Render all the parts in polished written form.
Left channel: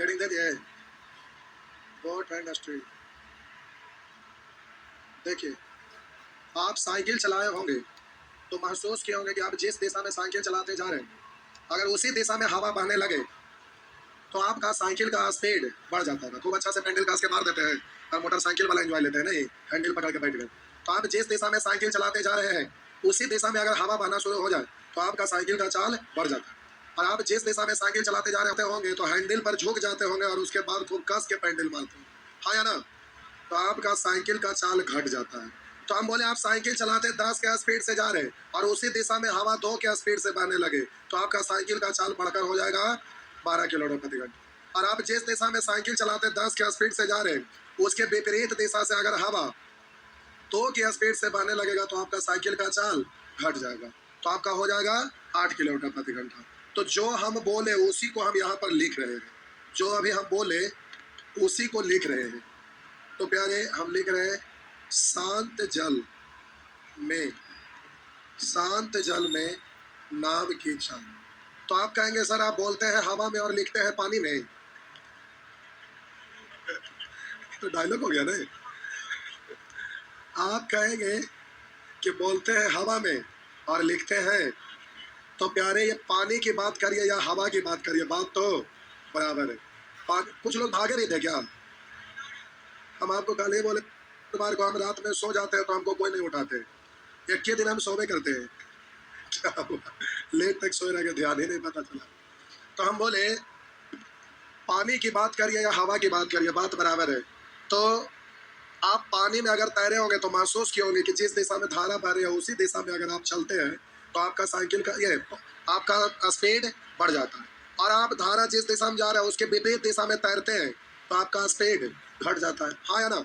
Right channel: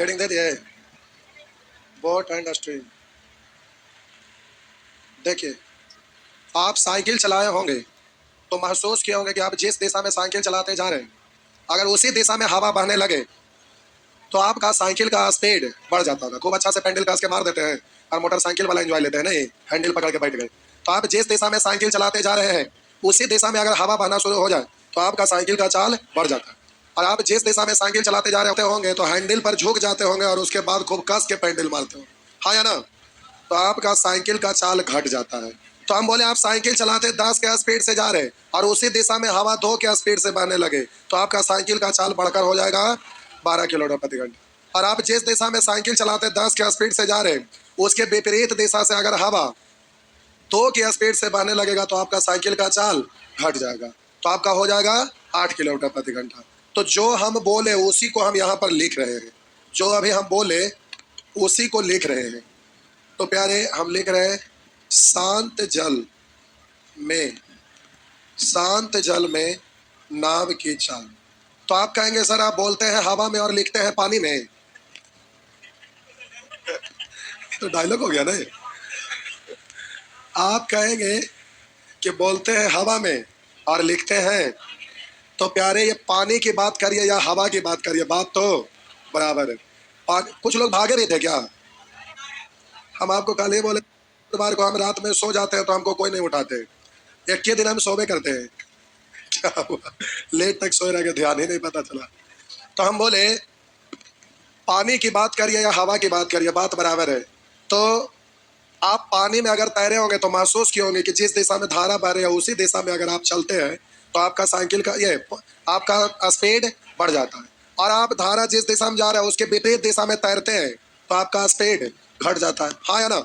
Heading दे दिए, boat and stream. देखिए, आप साइकिल चलाए होंगे तो महसूस किए होंगे कि आप जिस दिशा में साइकिल चलाते जा रहे हैं, अगर उसी दिशा में हवा बहने लगे तो आपका साइकिल का स्पीड बढ़ जाता होगा। खूब अच्छा से पेंडल कास के मार देते हैं और मोटरसाइकिल वाला एंजॉय लेते हैं, नहीं हैंडल पकड़ के बैठ गए। तो आप जिस दिशा में साइकिल चलाते जा रहे हैं उसी दिशा में अगर हवा बहना शुरू हो जाए तो आपका साइकिल का चाल बढ़ जाता है। और आप जिस दिशा में साइकिल चलाते जा रहे होंगे तो हैंडल पर झुक जाते होंगे और उसके बाद खूब कस के पेंडल मारते होंगे, हाँ या ना? तो आपका साइकिल का चाल घट जाता है। तो हम बोले आप साइकिल चलाते 10 के स्पीड से जा रहे और उसी दिशा में हवा 2 के स्पीड से बहने लगे तो आपका साइकिल का चाल बढ़कर हो जाएगा 12 किलोमीटर प्रति घंटे। और आप जिस दिशा में साइकिल चलाते 10 के स्पीड से जा रहे उसके विपरीत दिशा से अगर हवा 2 की स्पीड से बहने लगेगा तो आपका साइकिल का चाल घट जाएगा, तो आपका हो जाएगा 8 किलोमीटर प्रति घंटा। तो जो हम बोले उसी को हम यहाँ पर लिख रहे हैं, जो अभी हम बोले उसी को लिख रहे हैं। तो प्यारे हम लिख रहे हैं शांत जल में, शांत जल में नाव की चाल। तो आप कहेंगे सर आप बोलते हैं हवा में और लिखते हैं पानी में, तो डायलॉग हो गया ना। आप कहेंगे कि बोलते हैं हवा में और लिखते हैं, तो प्यारे ये पानी की बात करिए या हवा की बात करिए, बात तो बराबर है। कुछ लोग भागे नहीं थे क्या? हम आपको कल ही बोले इतवार को हम रात में सो जाते हैं तो हमको कोई नहीं उठाते, एक ही दिन हम सोवे करते हैं। क्या हुआ? लेट तक सोए रह गए, ध्यान ही नहीं पता चला। तो हम बोले पानी की बात करिए या हवा की बात करिए, बात बराबर है। तो आप पानी में अगर तैरे होंगे तो महसूस किए होंगे कि जिस दिशा में धारा बह रही है उसी दिशा में अगर आप चलते हैं तो आपका साइकिल का ये आपका स्पीड बढ़ जाता है। और आप धारा जिस दिशा में जा रहे हैं उसके विपरीत दिशा में तैरते हैं तो आपका स्पीड घट जाता है, हाँ या ना?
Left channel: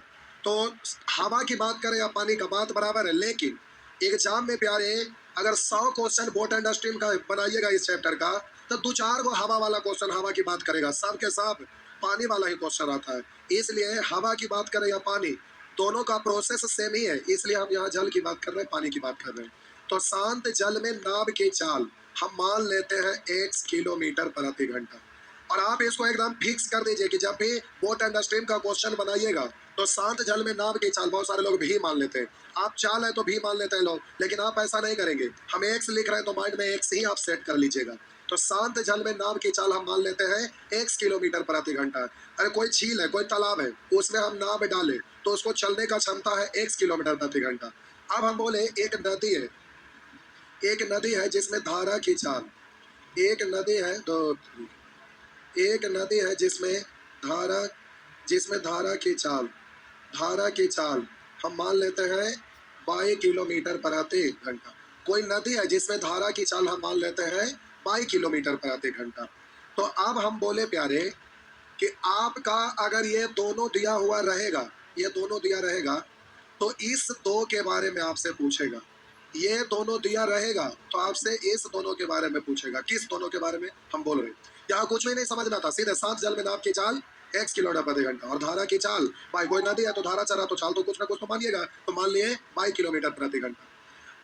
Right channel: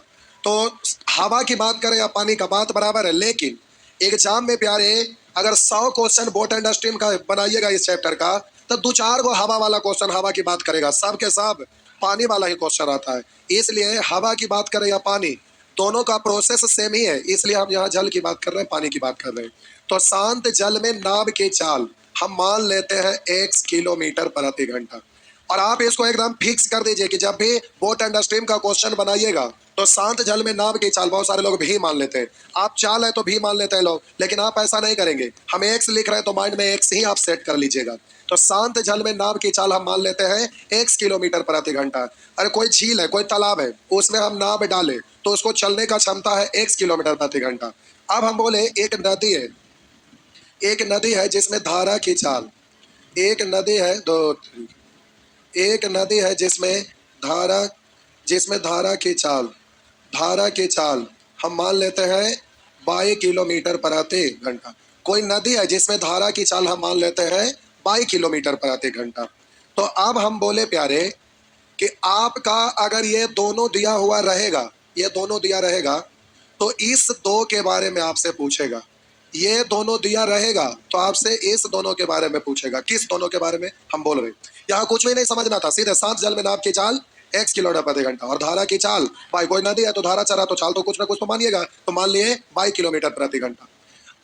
तो हवा की बात करें या पानी का, बात बराबर है। लेकिन एग्जाम में प्यारे अगर 100 क्वेश्चन बोट एंड स्ट्रीम का बनाइएगा इस चैप्टर का तो 2-4 गो हवा वाला क्वेश्चन हवा की बात करेगा, सब के सब पानी वाला ही क्वेश्चन आता है। इसलिए हवा की बात करें या पानी, दोनों का प्रोसेस सेम ही है, इसलिए हम यहाँ जल की बात कर रहे हैं, पानी की बात कर रहे हैं। तो शांत जल में नाव की चाल हम मान लेते हैं 1 किलोमीटर प्रति घंटा। और आप इसको एकदम फिक्स कर दीजिए कि जब भी बोट एंड स्ट्रीम का क्वेश्चन बनाइएगा तो शांत जल में नाव की चाल, बहुत सारे लोग भी मान लेते हैं, आप चाल है तो भी मान लेते हैं लोग, लेकिन आप ऐसा नहीं करेंगे। हम एक्स लिख रहे हैं तो माइंड में एक्स ही आप सेट कर लीजिएगा। तो शांत जल में नाव की चाल हम मान लेते हैं 1 किलोमीटर प्रति घंटा। अरे कोई झील है, कोई तालाब है, उसमें हम नाव डालें तो उसको चलने का क्षमता है 1 किलोमीटर प्रति घंटा। अब हम बोले एक नदी है, एक नदी है जिसमें धारा की चाल, एक नदी है दो, एक नदी है जिसमें धारा, जिसमें धारा की चाल, धारा की चाल हम मान लेते हैं 22 किलोमीटर प्रति घंटा। कोई नदी है जिसमें धारा की चाल हम मान लेते हैं 22 किलोमीटर प्रति घंटा। तो अब हम बोले प्यारे कि आपका अगर ये दोनों दिया हुआ रहेगा, ये दोनों दिया रहेगा तो इस दो के बारे में आपसे पूछेगा, ये दोनों दिया रहेगा तो आपसे इस दोनों के बारे में पूछेगा। किस दोनों के बारे में हम बोल रहे हैं? यहाँ कुछ भी नहीं समझना था, सीधे सात जल में नाव की चाल 1 किलोमीटर प्रति घंटा और धारा की चाल, भाई कोई नदी है तो धारा चला तो चाल तो कुछ ना कुछ तो मानिएगा, तो मान लिए 22 किलोमीटर प्रति घंटा।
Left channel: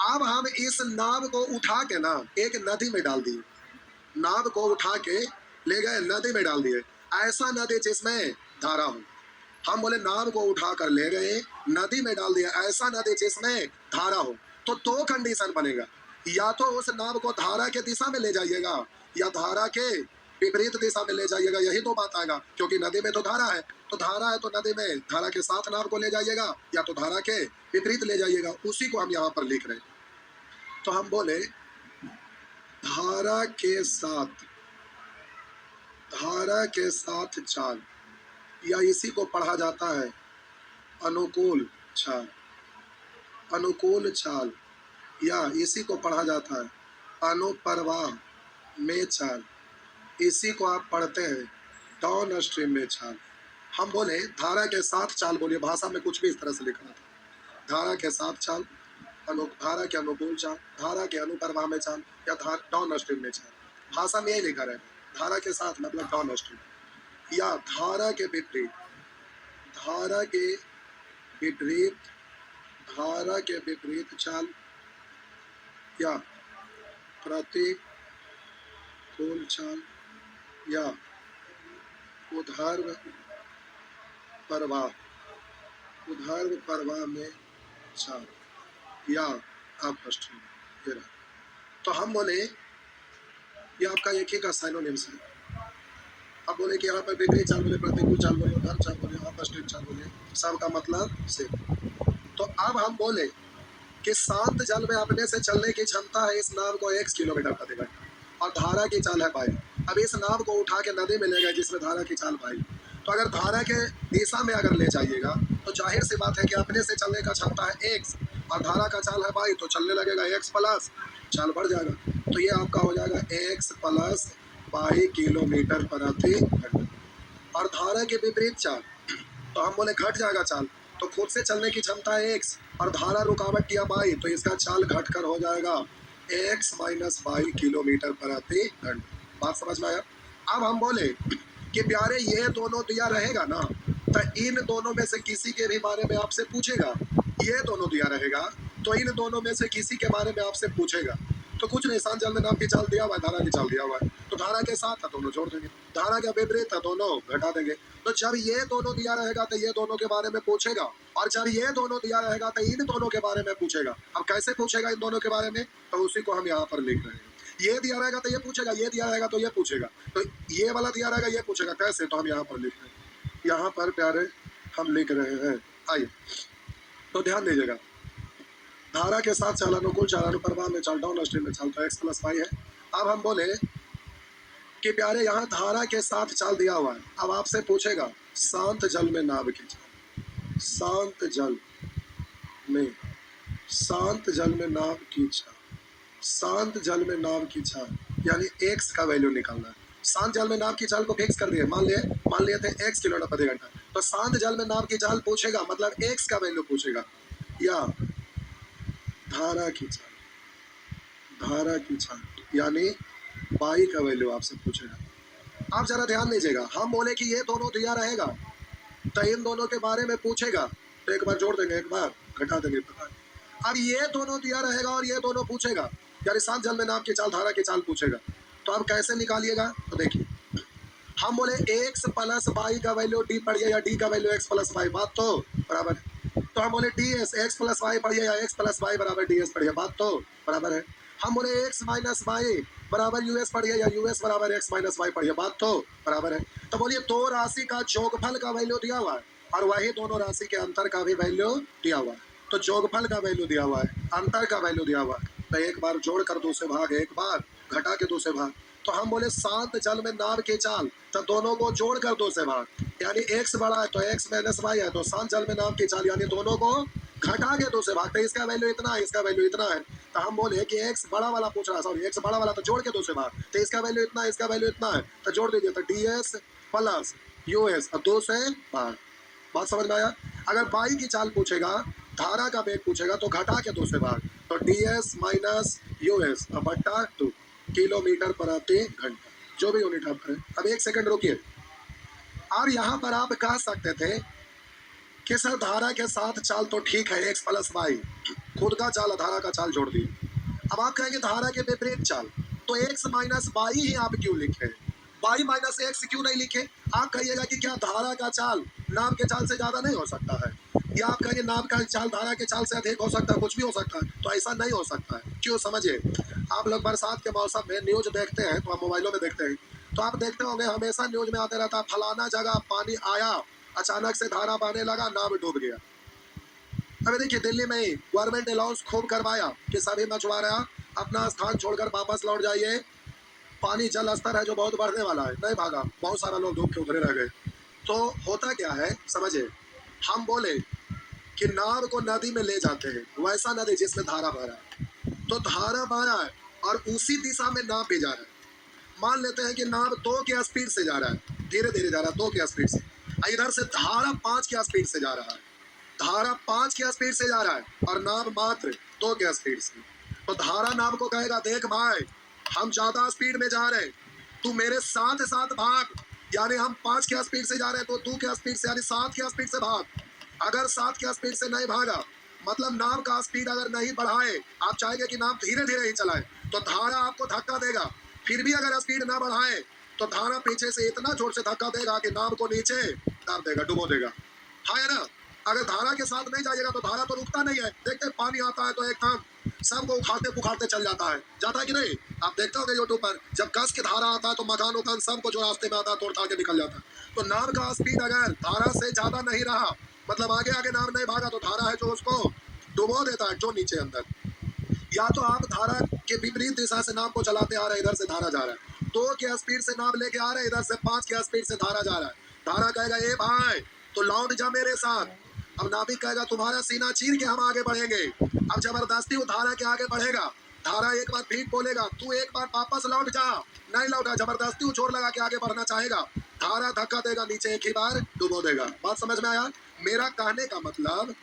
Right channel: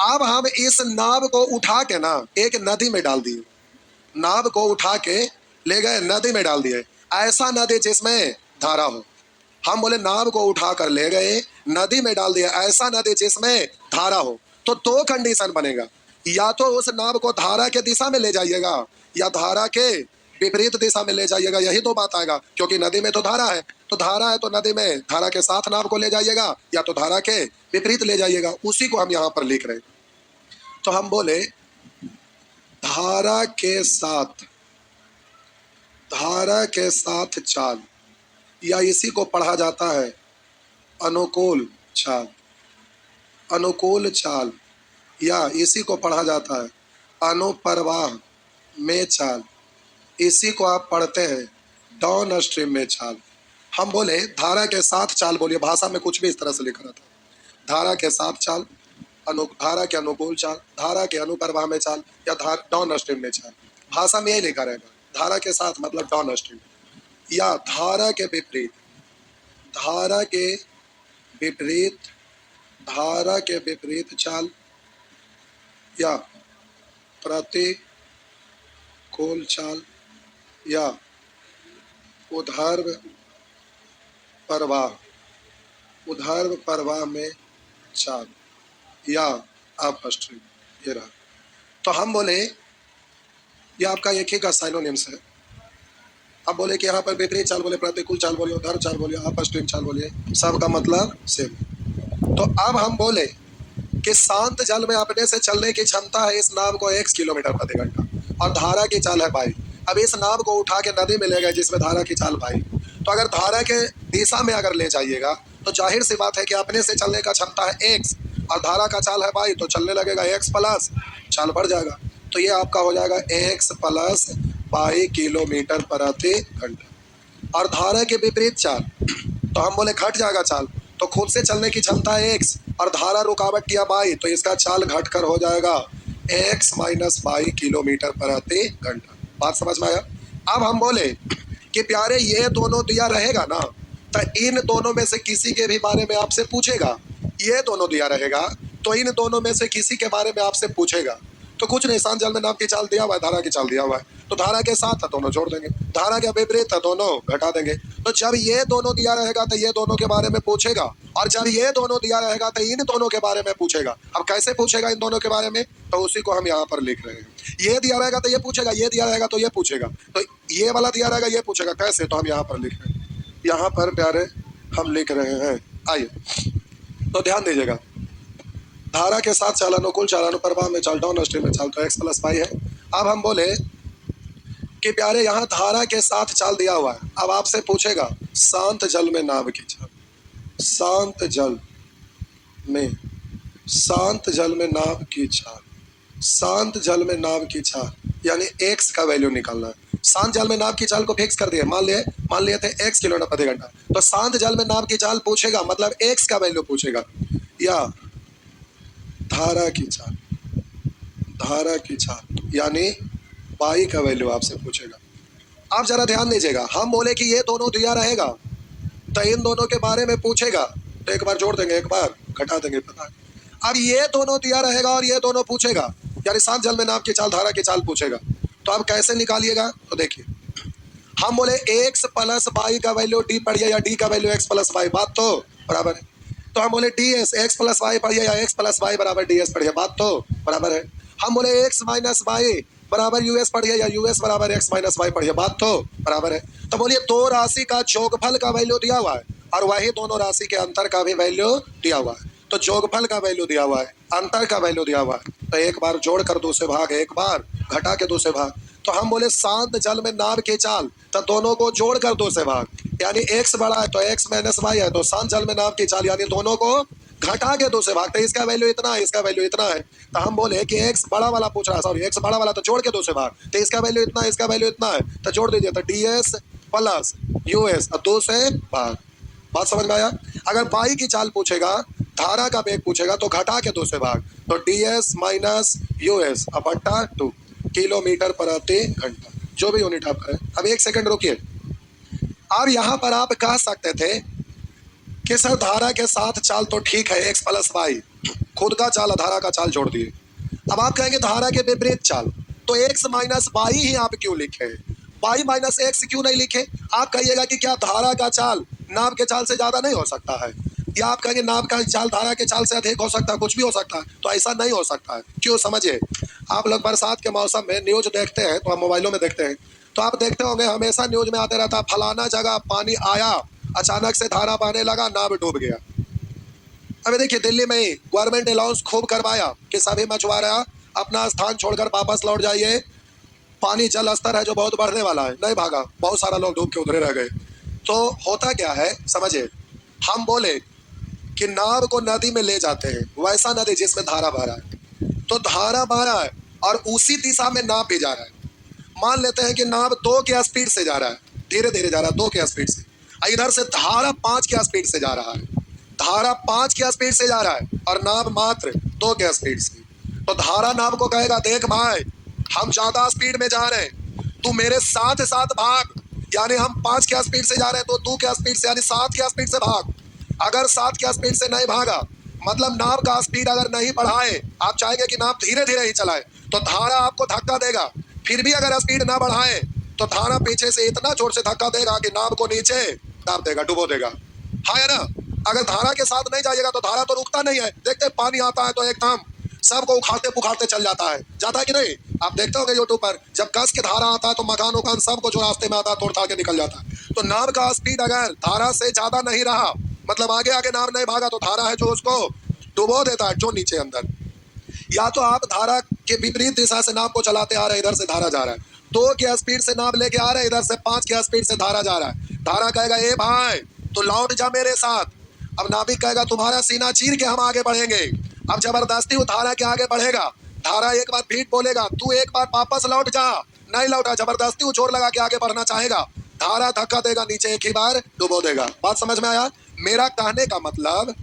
अब हम इस नाव को उठा के ना एक नदी में डाल दिए, नाव को उठा के ले गए नदी में डाल दिए, ऐसा नदी जिसमें धारा हो। हम बोले नाव को उठा कर ले गए नदी में डाल दिया, ऐसा नदी जिसमें धारा हो। तो दो कंडीशन बनेगा, या तो उस नाव को धारा के दिशा में ले जाइएगा या धारा के विपरीत दिशा में ले जाइएगा, यही दो बात आएगा। क्योंकि नदी में तो धारा है, तो धारा है तो नदी में धारा के साथ नाव को ले जाइएगा या तो धारा के विपरीत ले जाइएगा, उसी को हम यहाँ पर लिख रहे हैं। तो हम बोले धारा के साथ, धारा के साथ चाल, या इसी को पढ़ा जाता है अनुकूल चाल, अनुकूल चाल, या इसी को पढ़ा जाता है अनुप्रवाह में चाल, इसी को आप पढ़ते हैं डाउन स्ट्रीम में चाल। हम बोले धारा के साथ चाल, बोलिए भाषा में कुछ भी इस तरह से लिखा रहता है, धारा के साथ चाल, धारा के अनुकूल चाल, धारा के अनुप्रवाह में चाल, या डाउन स्ट्रीम में चाल, भाषा में यही लिखा रहेगा। धारा के साथ मतलब डाउन स्ट्रीम, या धारा के विपरीत, धारा के विपरीत, धारा के विपरीत चाल, या प्रतिकूल चाल, या ऊर्ध्व प्रवाह, ऊर्ध्व प्रवाह में चाल या अपस्ट्रीम, ये रहा। तो हम बोले ये आपका एक ही का साइनोनिम्स है। अब बोले कि यहाँ पर विपरीत चाल बोले, प्रतिकूल चाल बोले, ऊर्ध्व चाल बोले, अपस्ट्रीम चाल बोले, सबका मतलब सेम। तो अब हम बोले कि शांत जल में अपने से चलने की क्षमता है इस नाव को x किलोमीटर प्रति घंटा और धारा की चाल है पाई। अब इस नाव को उठा के नदी में ले गए जिसमें धारा की चाल पाई, तो अगर धारा के दिशा में अगर ले जाइएगा तो जाहिर सी बात है कि अपने से चलने का क्षमता है x और धारा का चाल है पाई, तो चलने लगेगा x प्लस चाल बढ़ जाएगा। तो ये आपका हो जाएगा x प्लस पाई किलोमीटर प्रति घंटा। और धारा के विपरीत चाल तो हम बोले घट जाएगा चाल, तो खुद से चलने की क्षमता है x और धारा रुकावट दिया बाई, तो इसका चाल घटकर हो जाएगा x माइनस बाई किलोमीटर प्रति घंटा। बात समझ में आया? अब हम बोले कि प्यारे ये दोनों दिया रहेगा ना, तो इन दोनों में से किसी के भी बारे में आपसे पूछेगा। ये दोनों दिया रहेगा तो इन दोनों में से किसी के बारे में आपसे पूछेगा। तो कुछ नहीं, शांत जल में नाव की चाल दिया हुआ है, धारा की चाल दिया हुआ है, तो धारा के साथ है दोनों जोड़ देंगे, धारा के विपरीत है दोनों घटा देंगे। तो जब ये दोनों दिया रहेगा तो ये दोनों के बारे में पूछेगा, और जब ये दोनों दिया रहेगा तो इन दोनों के बारे में पूछेगा। अब कैसे पूछेगा इन दोनों के बारे में, तो उसी को हम यहाँ पर लिख रहे हैं। ये दिया रहेगा तो ये पूछेगा, ये दिया रहेगा तो ये पूछेगा, तो ये वाला दिया रहेगा ये पूछेगा। कैसे, तो हम यहाँ पर लिख रहे हैं, यहाँ पर प्यारे हम लिख रहे हैं। आइए तो ध्यान दीजिएगा, धारा के साथ चाल अनुकूल चाल अनुप्रवाह में चाल डाउन स्ट्रीम में चाल तो x प्लस पाई है। अब हम बोले कि प्यारे यहाँ धारा के साथ चाल दिया हुआ है, अब आपसे पूछेगा शांत जल में नाव की चाल, शांत जल में, शांत जल में नाव की चाल, शांत जल में नाव की चाल यानी x का वैल्यू निकालना है। शांत जल में नाव की चाल को फिक्स कर दिए, मान लिए थे x किलोमीटर प्रति घंटा, तो शांत जल में नाव की चाल पूछेगा मतलब x का वैल्यू पूछेगा, या धारा की चाल, धारा की चाल यानी पाई का वैल्यू आपसे पूछेगा। आप जरा ध्यान दीजिएगा, हम बोले कि ये दोनों दिया रहेगा तो इन दोनों के बारे में पूछेगा, तो एक बार जोड़ देंगे एक बार घटा देंगे, पता है। अब ये दोनों दिया रहेगा और ये दोनों पूछेगा, यानी शांत जल में नाव की चाल धारा की चाल पूछेगा। तो आप कैसे निकालिएगा, तो देखिए हम बोले x प्लस बाई का वैल्यू d पढ़िए या d का वैल्यू x प्लस बाई, बात तो बराबर है। तो हम बोले ds x प्लस वाई पढ़िए या x प्लस वाई बराबर ds पढ़िए, बात तो बराबर है। हम बोले x माइनस वाई बराबर यूएस पढ़िए या यूएस बराबर x माइनस वाई पढ़िए, बात तो बराबर है। तो बोलिए दो राशि का जोगफल का वैल्यू दिया हुआ है और वही दोनों राशि के अंतर का भी वैल्यू दिया हुआ है। तो जोगफल का वैल्यू दिया हुआ है, अंतर का वैल्यू दिया हुआ है, तो एक बार जोड़ कर दो से भाग, एक बार घटा के दो से भाग। तो हम बोले शांत जल में नाव की चाल, तो दोनों को जोड़ कर दो से भाग, यानी x बड़ा है तो x माइनस वाई है, तो शांत जल में नाव की चाल यानी दोनों को घटा के दो से भाग, तो इसका वैल्यू इतना है, इसका वैल्यू इतना है। तो हम बोले कि x बड़ा वाला पूछ रहा है, सॉरी x बड़ा वाला, तो जोड़ के दो से भाग, तो इसका वैल्यू इतना है, इसका वैल्यू इतना है, तो जोड़ दीजिए, तो ds प्लस यूएस और दो से भाग। बात समझ में आया? अगर पाई की चाल पूछेगा, धारा का वेग पूछेगा, तो घटा के दो से भाग, तो ds माइनस यूएस अब बट्टा 2 किलोमीटर प्रति घंटा, जो भी यूनिट आप करें। अब एक सेकंड रुकिए, अब यहाँ पर आप कह सकते थे कि सर धारा के साथ चाल तो ठीक है x प्लस वाई, खुद का चाल धारा का चाल जोड़ दिए। अब आप कहेंगे धारा के विपरीत चाल, तो x माइनस वाई ही आप क्यों लिखे, वाई माइनस एक्स क्यों नहीं लिखे? आप कहिएगा कि क्या धारा का चाल नाव के चाल से ज्यादा नहीं हो सकता है, या आप कहेंगे नाव का चाल धारा के चाल से अधिक हो सकता है, कुछ भी हो सकता है। तो ऐसा नहीं हो सकता है, क्यों समझिए। आप लोग बरसात के मौसम में न्यूज देखते हैं, तो हम मोबाइलों में देखते हैं, तो आप देखते होंगे हमेशा न्यूज में आते रहता है फलाना जगह पानी आया, अचानक से धारा बहने लगा, नाव डूब गया। अभी देखिए दिल्ली में ही गवर्नमेंट अनाउंस खूब करवाया कि सभी मछुआरा अपना स्थान छोड़कर वापस लौट जाइए, पानी जल स्तर है जो बहुत बढ़ने वाला है। नहीं भागा, बहुत सारा लोग डूब के उधरे रह गए। तो होता क्या है समझिए, हम बोले कि नाव को नदी में ले जाते हैं, वैसा नदी जिसमें धारा बह रहा है, तो धारा बह रहा है और उसी दिशा में नाव भी जा रहा है। मान लेते हैं कि नाव 2 के स्पीड से जा रहा है, धीरे धीरे जा रहा है 2 के स्पीड से, इधर से धारा 5 के स्पीड से जा रहा है, धारा 5 के स्पीड से जा रहा है और नाव मात्र 2 के स्पीड से। तो धारा नाव को कहेगा देख भाई हम ज्यादा स्पीड में जा रहे हैं, तू मेरे साथ साथ भाग, यानी हम 5 के स्पीड से जा रहे हैं तो 2 के स्पीड से यानी 7 के स्पीड से भाग। अगर 7 के स्पीड से नहीं भागा, मतलब नाव का स्पीड अगर नहीं बढ़ाए, आप चाहेंगे कि नाव धीरे धीरे ही चलाए, तो धारा आपको धक्का देगा। फिर भी अगर स्पीड ना बढ़ाए तो धारा पीछे से इतना जोर से धक्का देगा कि नाव को नीचे दाब देगा, डुबो देगा। हाँ है ना? अगर धारा के साथ नहीं जाइएगा तो धारा तो रुकता नहीं है। देखते हैं पानी आता है तो एकदम सबको उखाड़ते पुखाड़ते चल जाता है कि नहीं? आप देखते होंगे यूट्यूब पर, जब कस के धारा आता है तो मकान उकान सबको जो रास्ते में आता है तोड़ ताड़ के निकल जाता है। तो नाव का स्पीड अगर धारा से ज्यादा नहीं रहा, मतलब आगे आगे नाव नहीं भागा, तो धारा है जो उसको डुबो देता है जो नीचे अंदर। या तो आप धारा के विपरीत दिशा से नाव को चलाते आ रहे, इधर से धारा जा रहा है, 2 की स्पीड से नाव लेके आ रहे, इधर से 5 की स्पीड से धारा जा रहा है। धारा कहेगा ए भाई तो लौट जा मेरे साथ। अब नाविक कहेगा तुम्हारा सीना चीर के हम आगे बढ़ेंगे। अब जबरदस्ती वो धारा के आगे बढ़ेगा। धारा एक बार फिर बोलेगा तू एक बार वापस लौट जा, नहीं लौटा, जबरदस्ती वो जोर लगा के आगे बढ़ना चाहेगा। धारा धक्का देगा नीचे, एक ही बार डुबो देगा। बात समझ में आया? मेरा कहने का मतलब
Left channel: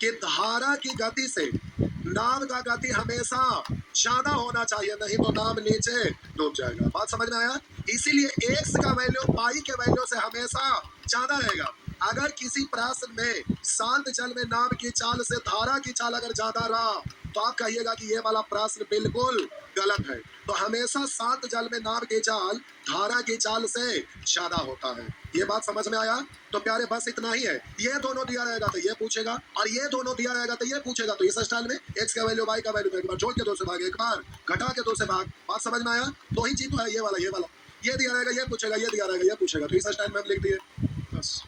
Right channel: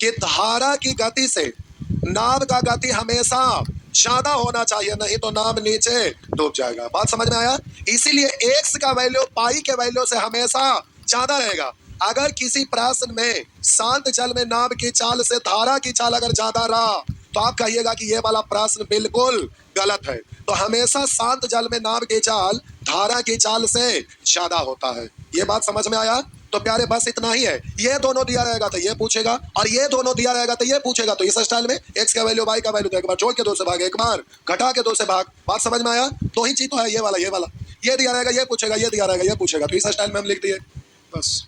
कि धारा की गति से नाव का गति हमेशा ज्यादा होना चाहिए, नहीं तो नाव नीचे डूब जाएगा। बात समझ में आया? इसीलिए एक्स का वैल्यू पाई के वैल्यू से हमेशा ज्यादा रहेगा। अगर किसी प्रश्न में शांत जल में नाव की चाल से धारा की चाल अगर ज्यादा रहा तो आप कहिएगा कि ये वाला प्रश्न बिल्कुल गलत है। तो हमेशा शांत जल में नाव की चाल धारा की चाल से ज्यादा होता है। ये बात समझ में आया? तो प्यारे बस इतना ही है। ये दोनों दिया रहेगा तो ये पूछेगा, और ये दोनों दिया रहेगा तो ये पूछेगा। तो इस स्टाइल में एक्स का वैल्यू वाई का वैल्यू, तो एक बार जोड़ के 2 से भाग, एक बार घटा के 2 से भाग। बात समझ में आया? 2 ही चीज तो है, ये वाला ये दिया रहेगा ये पूछेगा, ये दिया रहेगा ये पूछेगा। तो इस स्टाइल में हम लिख दिए बस।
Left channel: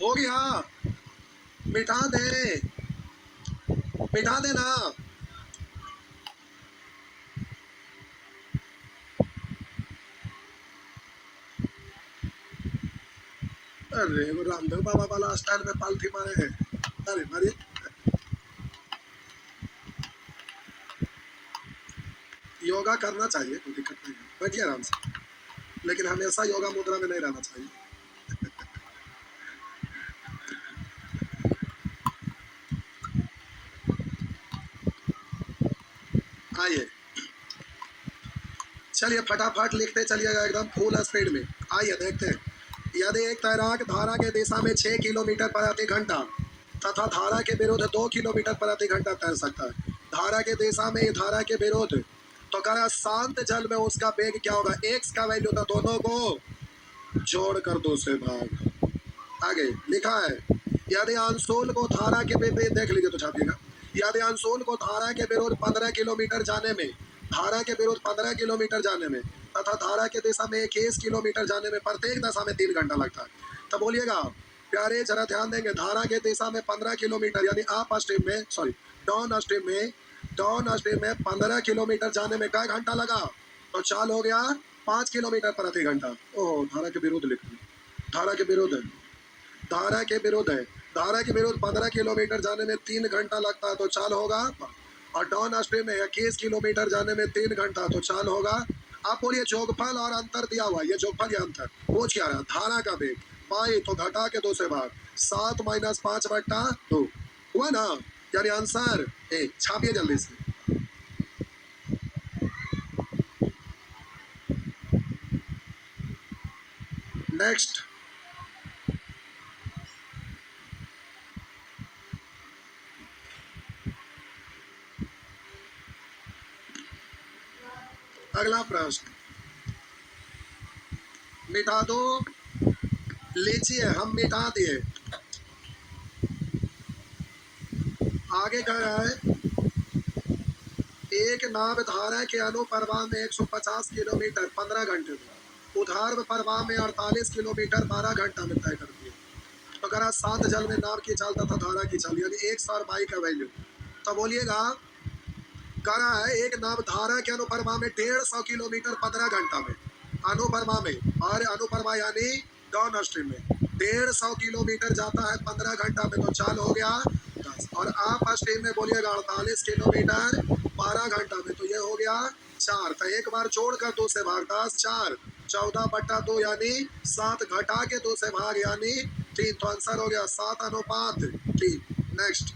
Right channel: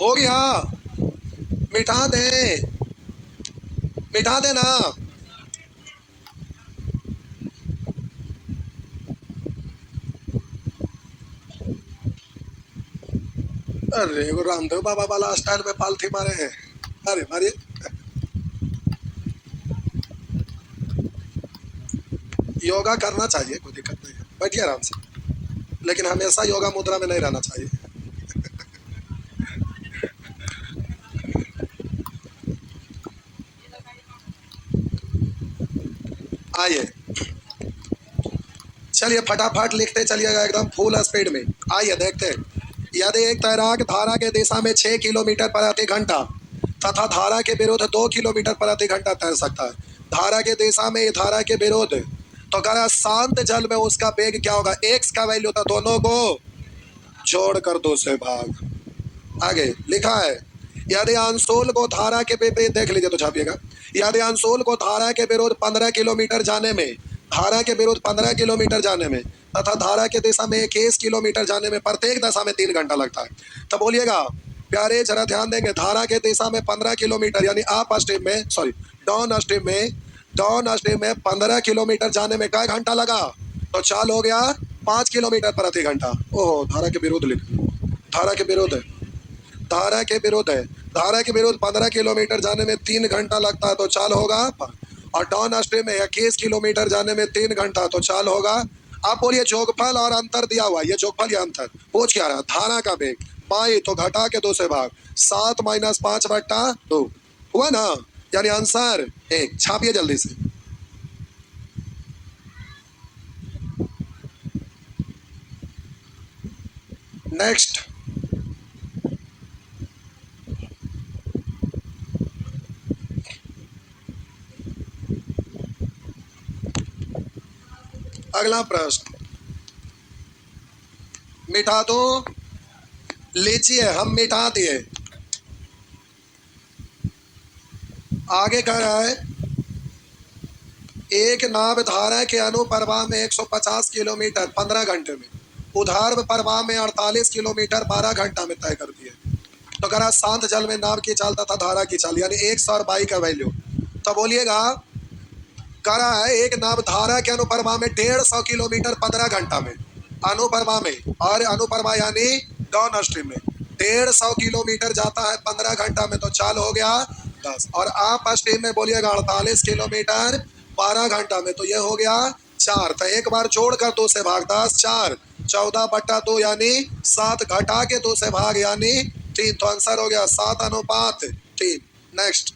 हो गया, मिटा दे, मिटा देना। अरे वो रामदेव बाबा वाला स्टाइल में पालथी मारे हैं। अरे मारिए। योगा करना चाहिए, कोई दिक्कत नहीं है, बैठिए आराम से, लेकिन हमेशा योगा मुद्रा में नहीं रहना चाहिए। आइए चलिए फटाफट लिखते चलिएगा एकदम फुल स्पीड में। आइए देखते हैं। यदि एक तैराक धारा के दिशा में 6 किलोमीटर प्रति घंटा तथा धारा के विरुद्ध 2 किलोमीटर प्रति घंटा तैर सकता है, धारा के दिशा में, धारा के विरोध। तो कह रहा शांत जल में उसका वेग क्या होगा, x का वैल्यू था, दोनों को जोड़कर 2 से भाग। आगे लिखा है यदि अंशोल को धारा के विपरीत, देख लीजिए तो छापिएगा, यदि अंशोल को धारा के विरोध 15 किलोमीटर जाने में, धारा के विरोध 15 किलोमीटर जाने में तथा धारा के दिशा में 21 किलोमीटर जाने में प्रत्येक दशा में 3 घंटा लगता है। तो बोलिएगा प्यारे जरा ध्यान देंगे, धारा के दिशा में 15 किलोमीटर यानी अप स्ट्रीम में, सॉरी डाउन स्ट्रीम में, डाउन स्ट्रीम में 15 किलोमीटर जाने में क्या घंटा लगा, तो चाल हो गया 5 किलोमीटर प्रति घंटा। ओहो, धारा के विरोध लिख, धारा के विरोध है, धारा के विरोध है, धारा के विरोध 15 किलोमीटर जाने में 3 घंटा लगता है तो चाल होगा, और डाउन स्ट्रीम में 21 किलोमीटर जाने में 3 घंटा तो चाल होगा। आप बोलिए जोगफल और अंतर दिया हुआ, ये जोगफल या अंतर पूछ क्या रहा, धारा का वेग पाई तो घटा के 2 से भाग, 7 - 5/2 हुआ ना, यानी आंसर 1। छापिए जल्दी से। नेक्स्ट, अगला प्रश्न मिटा दो, लीजिए हम मिटा दिए। आगे कह रहा है एक नाव धारा के अनुप्रवाह में 150 किलोमीटर 15 घंटे में, उधार प्रवाह में 48 किलोमीटर 12 घंटा में तय कर दिए। तो कह रहा शांत जल में नाव की चाल तथा धारा की चाल यानी 100 और बाई का वैल्यू। तो बोलिएगा कह रहा है एक नाव धारा के अनुप्रवाह में 150 किलोमीटर 15 घंटा में, अनुप्रवाह में, और अनुप्रवाह यानी डाउन स्ट्रीम में 150 किलोमीटर जाता है 15 घंटा में तो चाल हो गया 10, और आप स्ट्रीम में बोलिएगा 48 किलोमीटर 12 घंटा में तो ये हो गया 4। तो एक बार जोड़कर 2 से भाग, 10 4 14/2 यानी 7, घटा के 2 से भाग यानी 3, तो आंसर हो गया 7:3। नेक्स्ट,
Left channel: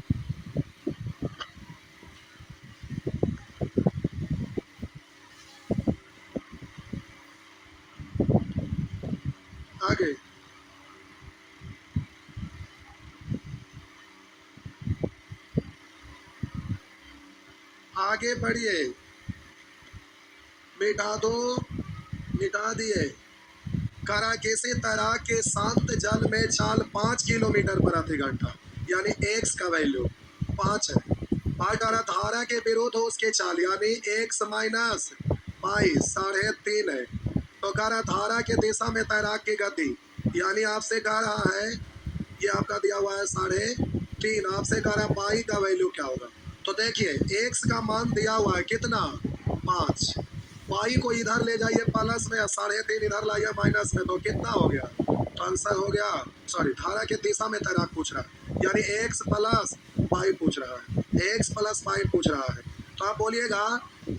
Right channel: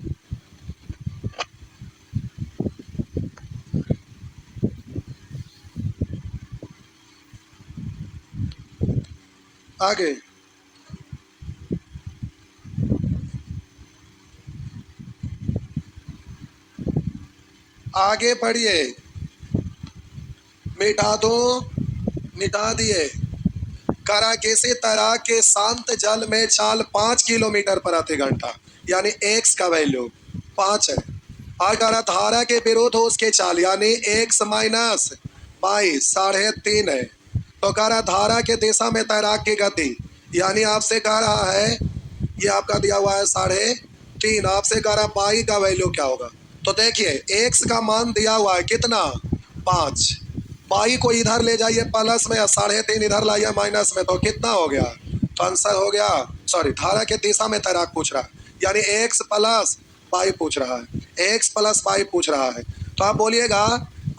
आगे आगे पढ़िए, मिटा दो, मिटा दिए। करा किसी तरह के शांत जल में चाल 5 किलोमीटर प्रति घंटा यानी x का वैल्यू 5 है, अगर धारा के विरोध हो उसके चाल यानी x - बाई 3.5 है। तो कह रहा धारा के दिशा में तैराक की गति यानी आपसे कह रहा है, ये आपका दिया हुआ है 3.5, आपसे कह रहा बाई का वैल्यू क्या होगा। तो देखिए x का मान दिया हुआ है कितना 5, बाई को इधर ले जाइए प्लस में, 3.5 इधर लाइए माइनस में, तो कितना हो गया, तो आंसर हो गया, सॉरी धारा के दिशा में तैराक पूछ रहा है यानी x + बाई पूछ रहा है, x + बाई पूछ रहा है। तो आप बोलिएगा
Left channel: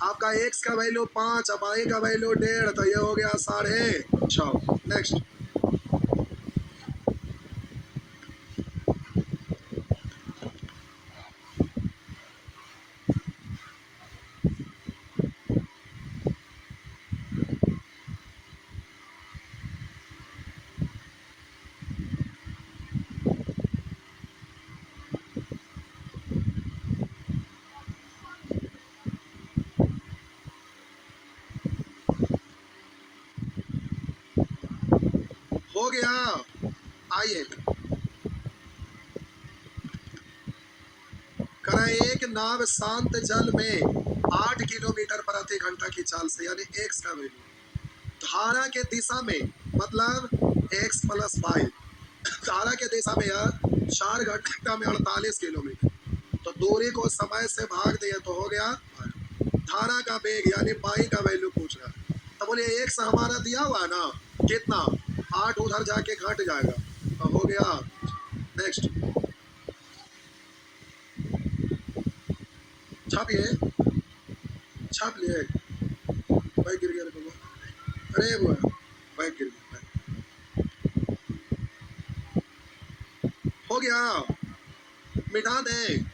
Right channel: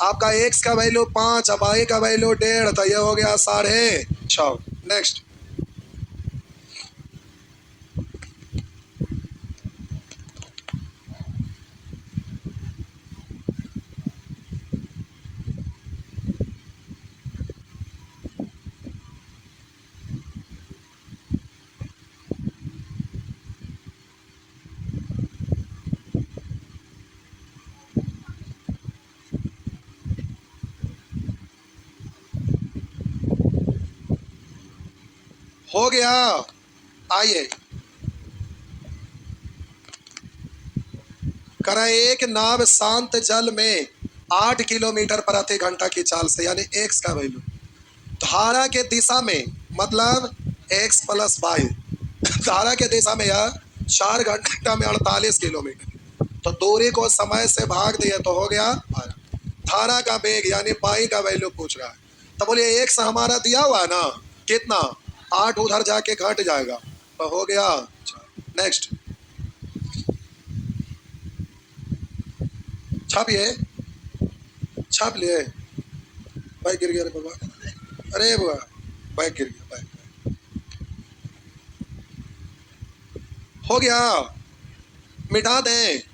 आपका x का वैल्यू 5 और बाई का वैल्यू 1.5, तो ये हो गया 6.5। नेक्स्ट, हो गया। आइए करें, एक नाव शांत जल में 8 किलोमीटर प्रति घंटा की चाल से यानी x का वैल्यू, धारा के दिशा में मतलब x + बाई, धारा के दिशा में यह 4 घंटा में 48 किलोमीटर, तो दूरी को समय से भाग दिए तो हो गया 12। धारा का वेग यानी बाई का वैल्यू पूछ रहा है। तो बोलिए x हमारा दिया हुआ है ना, कितना 8, उधर जाके घट जाएगा तो हो गया। नेक्स्ट, छापिए, छाप लिए, बाइक गिर गया रे बाबा, अरे बुआ बाइक गिर गया, बाइक हो गया, मिटा दें।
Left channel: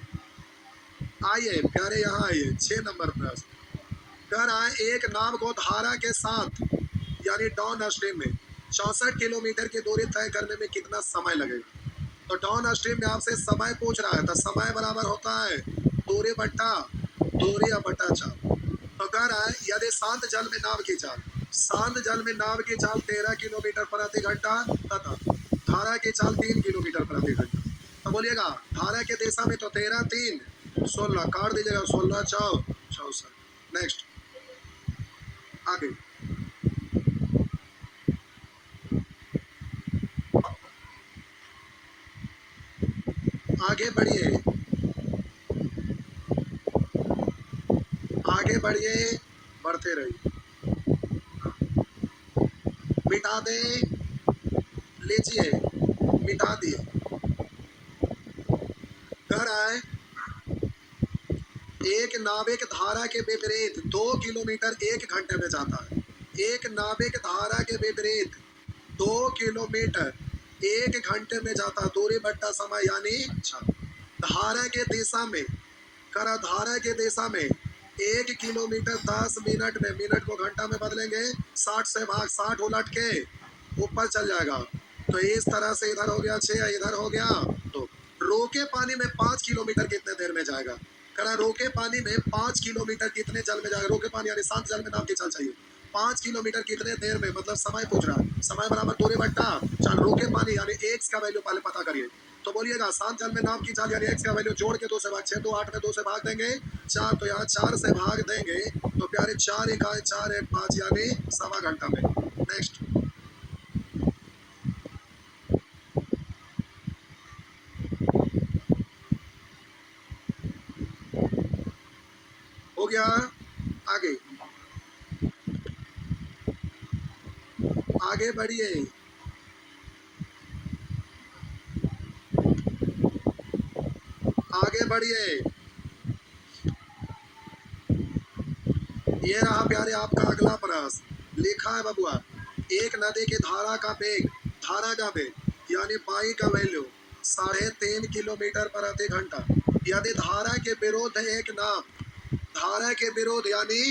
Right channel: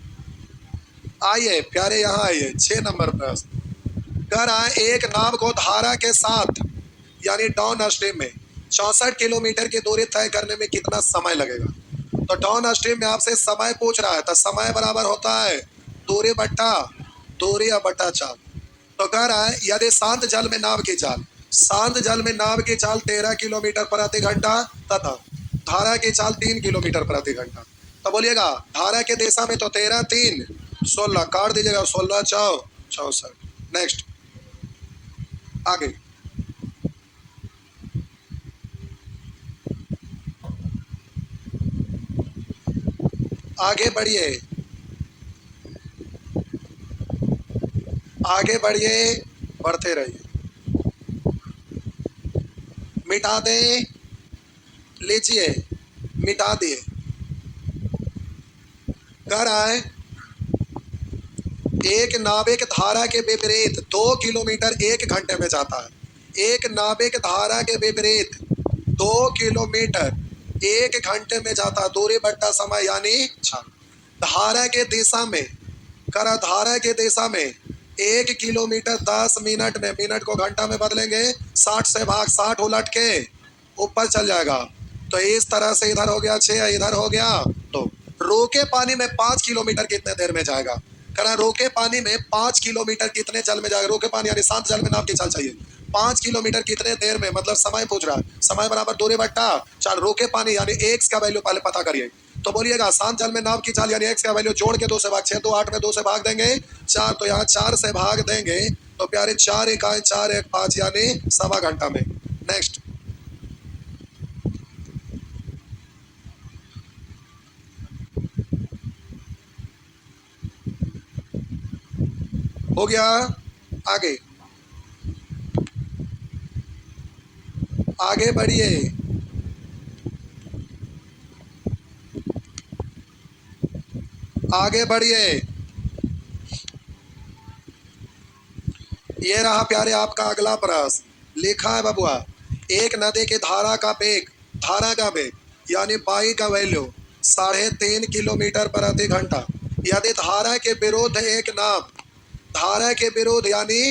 आइए प्यारे यहाँ आइए, 6 नंबर प्रश्न कह रहा है एक नाव को धारा के साथ यानी डाउन स्ट्रीम में 64 किलोमीटर की दूरी तय करने में कितना समय लगेगा। तो डाउन स्ट्रीम में आपसे समय पूछ रहा है, तो समय बराबर होता है दूरी बट्टा दूरी बटा चाल। तो कह रहा है यदि शांत जल में नाव की चाल, शांत जल में नाव की चाल 13 किलोमीटर प्रति घंटा तथा धारा की चाल 3 किलोमीटर प्रति घंटा। तो बोलिएगा धारा के दिशा में तो 13 3 16 काट दीजिएगा, 16 चौ 64। नेक्स्ट आगे आगे बढ़िए, आगे बढ़िए, बढ़ते रहिए। मिटा दे, लीजिए, मिटा दिए। कह रहा है एक नाविक धारा के विपरीत 2 किलोमीटर 1 घंटे में जाता है। एक नाविक धारा के विपरीत 2 किलोमीटर 1 घंटे में जाता है। दूरी बट्टा समय यानी धारा के दिशा में, करा धारा के दिशा में 1 किलोमीटर 10 मिनट में, मिनट को घंटा में बदलेंगे, 60 से भाग 60 उलट के ऊपर चल जाएगा। तो इस तरह से इधर हो गया 6, इधर हो गया 2। रोके पानी में 5 किलोमीटर कितने देर में जाएगा? करा रोके पानी में 5 किलोमीटर कितने जल में जाएगा? रोके पानी यानी शांत जल में नाव की चाल चाहिए। 5 किलोमीटर कितने देर में, मतलब समय पूछ रहा है। समय बराबर दूरी बट्टा चाल, रोके पानी यानी एक्स का वैल्यू पहले पता करिए। तो बोलिएगा शांत जल में नाव की चाल यानी एक्स का वैल्यू जोड़ के 2 से भाग, 6 2 8 में 2 से भाग देंगे 4, तो यहाँ 4 से भाग देंगे तो प्यारे 4 इकाई 4 1 5 यानी सवा घंटा में। नेक्स्ट हो गया, आगे आगे बढ़िए। आगे बढ़िए, ये रहा प्यारे आपका अगला प्रश्न। लिखा है बबुआ एक नदी की धारा का वेग, धारा का वेग यानी पाई का वैल्यू 3.5 किलोमीटर प्रति घंटा। यदि धारा के विरोध एक नाव, धारा के विरोध यानी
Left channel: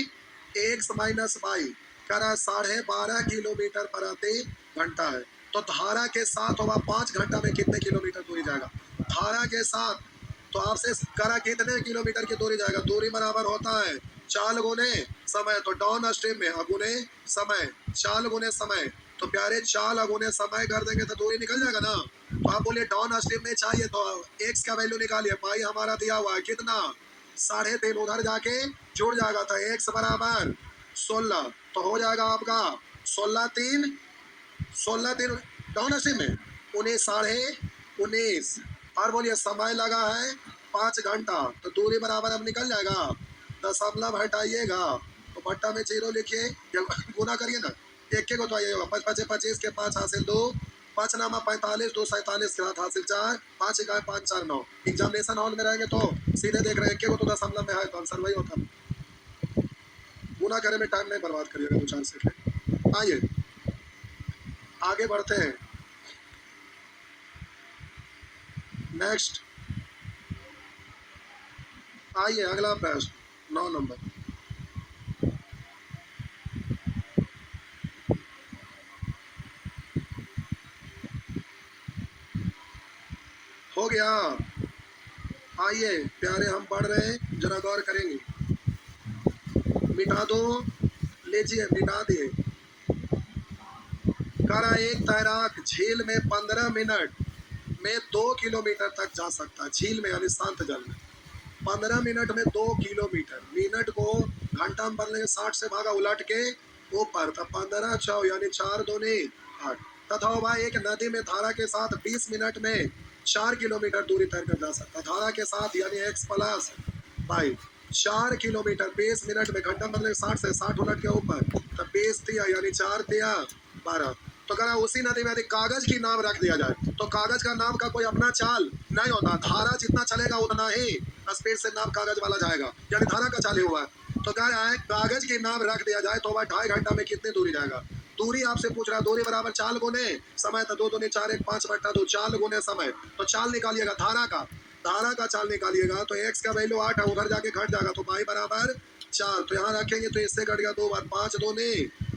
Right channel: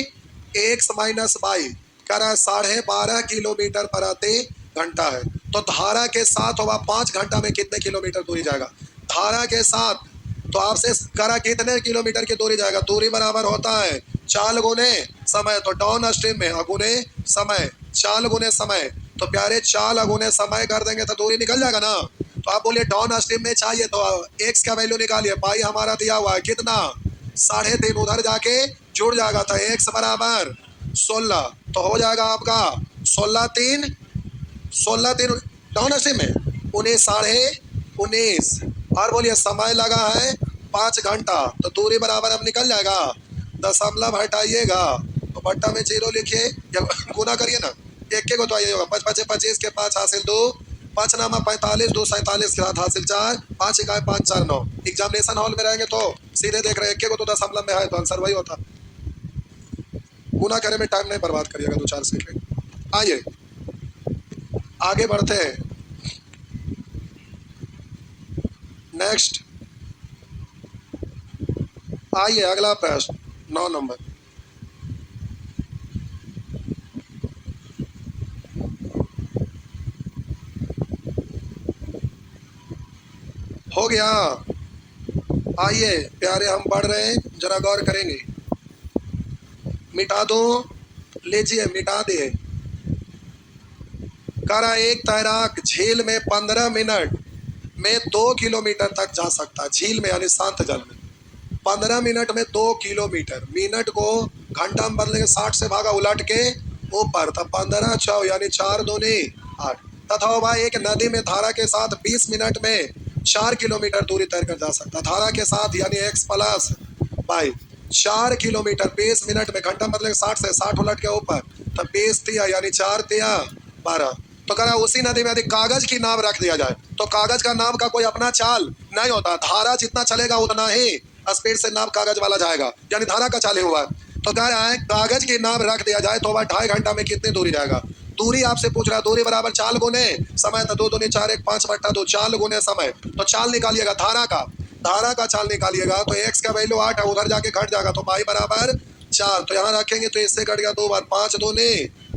एक्स माइनस वाई करा 12.5 किलोमीटर प्रति घंटा है, तो धारा के साथ होगा 5 घंटा में कितने किलोमीटर दूरी जाएगा? धारा के साथ तो आपसे करा कितने किलोमीटर की दूरी जाएगा? दूरी बराबर होता है चाल गुने समय, तो डाउन स्ट्रीम में अगुने समय, चाल गुने समय, तो प्यारे चाल अगुने समय कर देंगे तो दूरी निकल जाएगा ना। तो आप बोलिए डाउन स्ट्रीम में चाहिए तो एक्स का वैल्यू निकालिए। पाई हमारा दिया हुआ है कितना? 3.5, उधर जाके जुड़ जाएगा तो एक्स बराबर 16, तो हो जाएगा आपका 16 3 16 3 डाउन स्ट्रीम में 19 19.5 और बोलिए समय लगा है 5 घंटा, तो दूरी बराबर अब निकल जाएगा। दशमलव हटाइएगा तो बट्टा में 0 लिखिए या गुना करिए ना, एक के को तो आइए होगा 5 5 25 के 5 हासिल 2, 5 नामा 45 2 47 के साथ हासिल 4, 5 इकाई 5 4 9। एग्जामिनेशन हॉल में रहेंगे तो सीधे देख रहे हैं, एक के को तो दशमलव में है तो आंसर वही होता। गुना करे में टाइम नहीं बर्बाद करिएगा 2 4 सेकंड। आइए आगे बढ़ते हैं। नेक्स्ट आइए अगला प्रश्न 9 नंबर। हो गया, आइए प्यारे हम पढ़ रहे हैं, जरा गौर करेंगे। मिटा दो, लीजिए मिटा दे। करा एक तैराक झील में 15 मिनट में 2 किलोमीटर तक जा सकता है। झील में यानी शांत जल में 15 मिनट में 2 किलोमीटर, मिनट को घंटा में बदलेंगे 60 से भागा उलट के ऊपर, तब 15 छः यानी 4 दूनी 8। तथा वह एक नदी में धारा के साथ 20 मिनट में 4 किलोमीटर दूरी तय कर जा सकता। धारा के साथ यानी x plus y 4 kilometre 20 minute में, घंटा बदलेंगे 60 से 60 उलट के ऊपर, तब 20 तिया यानी 4 तिया 12। तो कह रहा उसी नदी में यदि कागज की नाव रख दिया जाए तो कागज का नाव का कोई अपना चाल नहीं होता, धारा जितना चलेगा उतना ही स्पीड से नाव कागज वाला जाएगा, यानी धारा का चाले हुआ है। तो कह रहा है कागज की नाव रख दिया जाए तो वह 2.5 घंटा में कितनी दूरी जाएगा? दूरी आपसे पूछ रहा है, दूरी बराबर चाल गुने समय, तो 2 दूनी 4 1 5 बट्टा 2, चाल गुने समय। तो चाल निकालिएगा धारा का, धारा का चाल निकालिएगा तो एक्स का वैल्यू 8 है, उधर जाके घट जाएगा तो पाई बराबर 4, तो यहाँ रखेंगे तो इससे कट गया 2 बार, 5 दूनी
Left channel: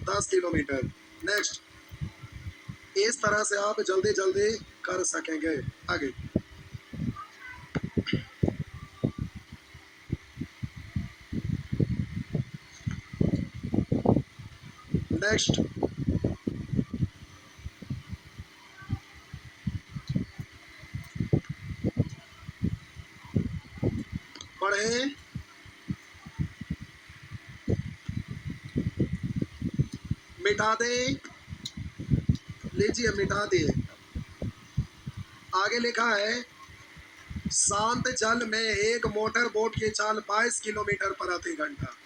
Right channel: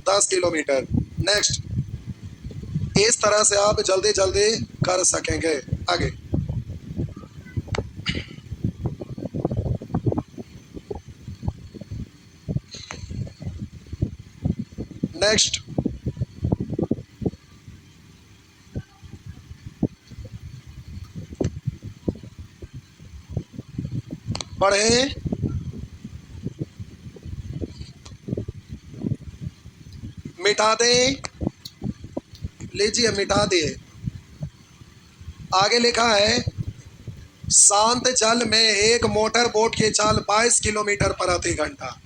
10 किलोमीटर। नेक्स्ट इस तरह से आप जल्दी जल्दी कर सकेंगे। आगे नेक्स्ट, बढ़े, मिटा दे, लीजिए मिटा दिए। आगे लिखा है शांत जल में एक मोटर बोट की चाल 22 किलोमीटर प्रति घंटा।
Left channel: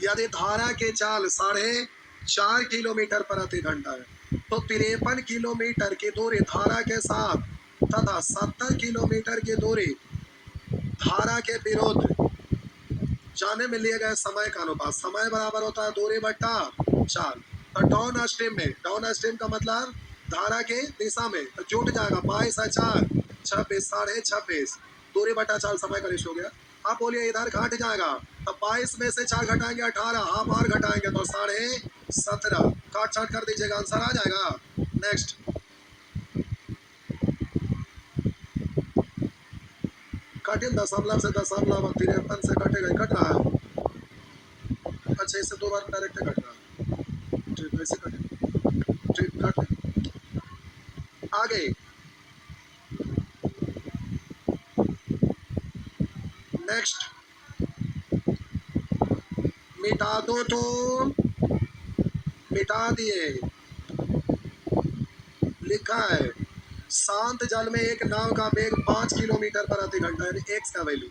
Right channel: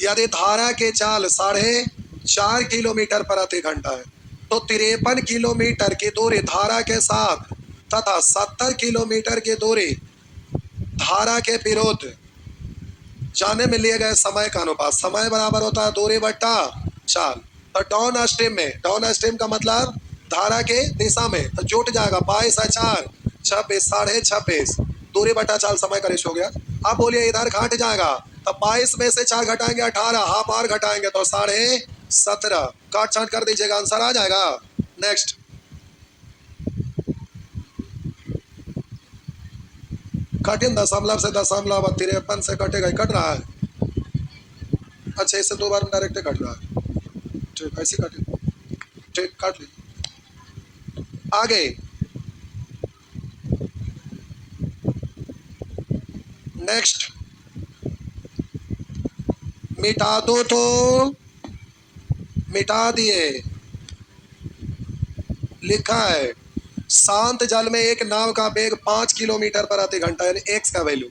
यदि धारा की चाल 4.5 किलोमीटर प्रति घंटा है तो 53 किलोमीटर की दूरी धारा के साथ तथा 70 किलोमीटर की दूरी धारा के विरुद्ध जाने में लिए गए समय का अनुपात। समय बराबर होता है दूरी बट्टा चाल। तो डाउन स्ट्रीम में, डाउन स्ट्रीम का मतलब धारा के दिशा में, तो जुट जाएगा 22 है 4, 26, 26.5 दूरी बट्टा चाल समय का रेशियो हो गया। अब बोलिए इधर घट जाएगा तो 22 में से 4 घटाएंगे 18, हाफ और घटाएंगे तो 17.5, काट छाट कर दीजिएगा, आंसर आ जाएगा। नेक्स्ट, कठिन दशमलव से दशमलव 53 से कटेगा, कट रहा है। अच्छा, इससे 2 बार में डायरेक्ट कट रहा है, ठीक, ऐसे कटे, ठीक, काट ले। आगे नेक्स्ट, मिटा दो तो मिटा दिए। लिखा है शांत जल में एक नाव का वेग 5 किलोमीटर प्रति घंटा, यानी एक्स का वैल्यू,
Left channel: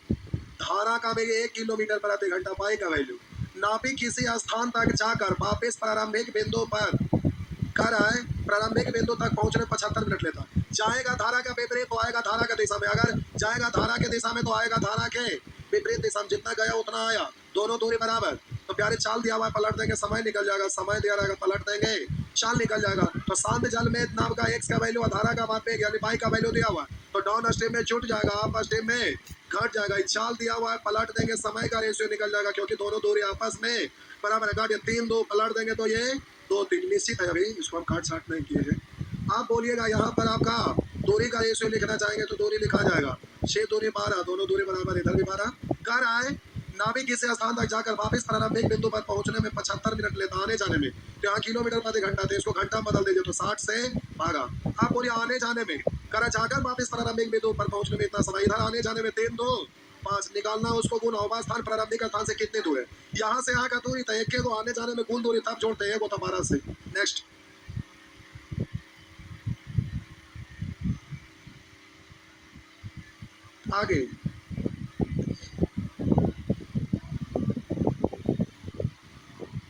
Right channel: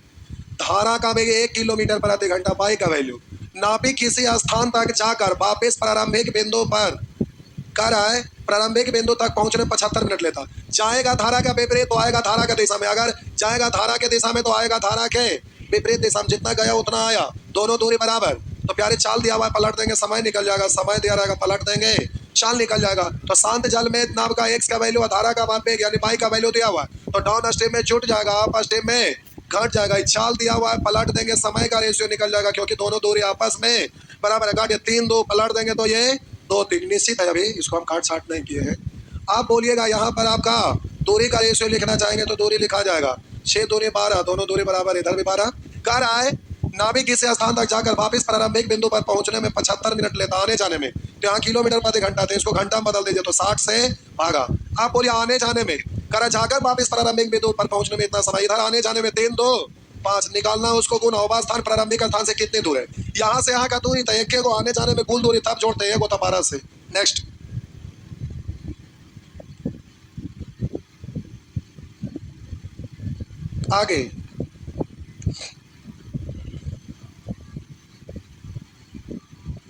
धारा का वेग 1 किलोमीटर प्रति घंटा, वाई का वैल्यू। नाविक किसी स्थान तक जाकर वापस प्रारंभिक बिंदु पर कर आए, प्रारंभिक बिंदु तक पहुंचने 75 मिनट लेता। जाएगा धारा का विपरीत तो आएगा धारा का दिशा में, अगर जाएगा धारा के दिशा में तो आएगा धारा के विपरीत दिशा में, जितना गया उतना आया, दोनों दूरी बराबर। तो प्यारे चाल दिया हुआ है, पलट देंगे समय निकल जाएगा, समय दिया रहेगा पलट देंगे चाल निकल जाएगा। तो शांत जल में नाव का एक्स का वैल्यू, धारा का वेग यानी वाई का वैल्यू दिया हुआ है, तो डाउन स्ट्रीम में जुट जाएगा, अप स्ट्रीम में घट जाएगा। चाल दिया हुआ है, पलट देंगे समय का रेशियो निकल जाएगा, क्योंकि दोनों दूरी आपस में बराबर है। घट 3 2 पलट देंगे तो ये 2 3 निश्चित है, अभी इसको हम काट छाट नहीं किए हैं। आप बोलिएगा यहाँ पर आपका दूरी का रेशियो लिखना चाहेंगे तो दूरी लिखा जाएगा, 6 दूरी 12, दोनों दूरी बराबर, इधर भी 12। कह रहा है नाविक किसी स्थान तक जाकर वापस प्रारंभिक बिंदु पर पहुंचने में 75 मिनट लेता, आने जाने में। तो यहाँ किलोमीटर प्रति घंटा थे, इसको घंटा में बदल दीजिए तो 60 से भागा। आप बोलिए आने जाने में, करा जाकर वापस प्रारंभिक बिंदु पर पहुंचने में इतना समय, इधर आने जाने में 3 2 5 निकालना, उसको गुना होगा स्थान प्रारंभिक स्थान से कितनी दूर है, यहाँ से यहाँ का दूरी था, एक को आने जाने में कुल दूरी तब जोड़ते हैं, वो था 12 से। नेक्स्ट, आगे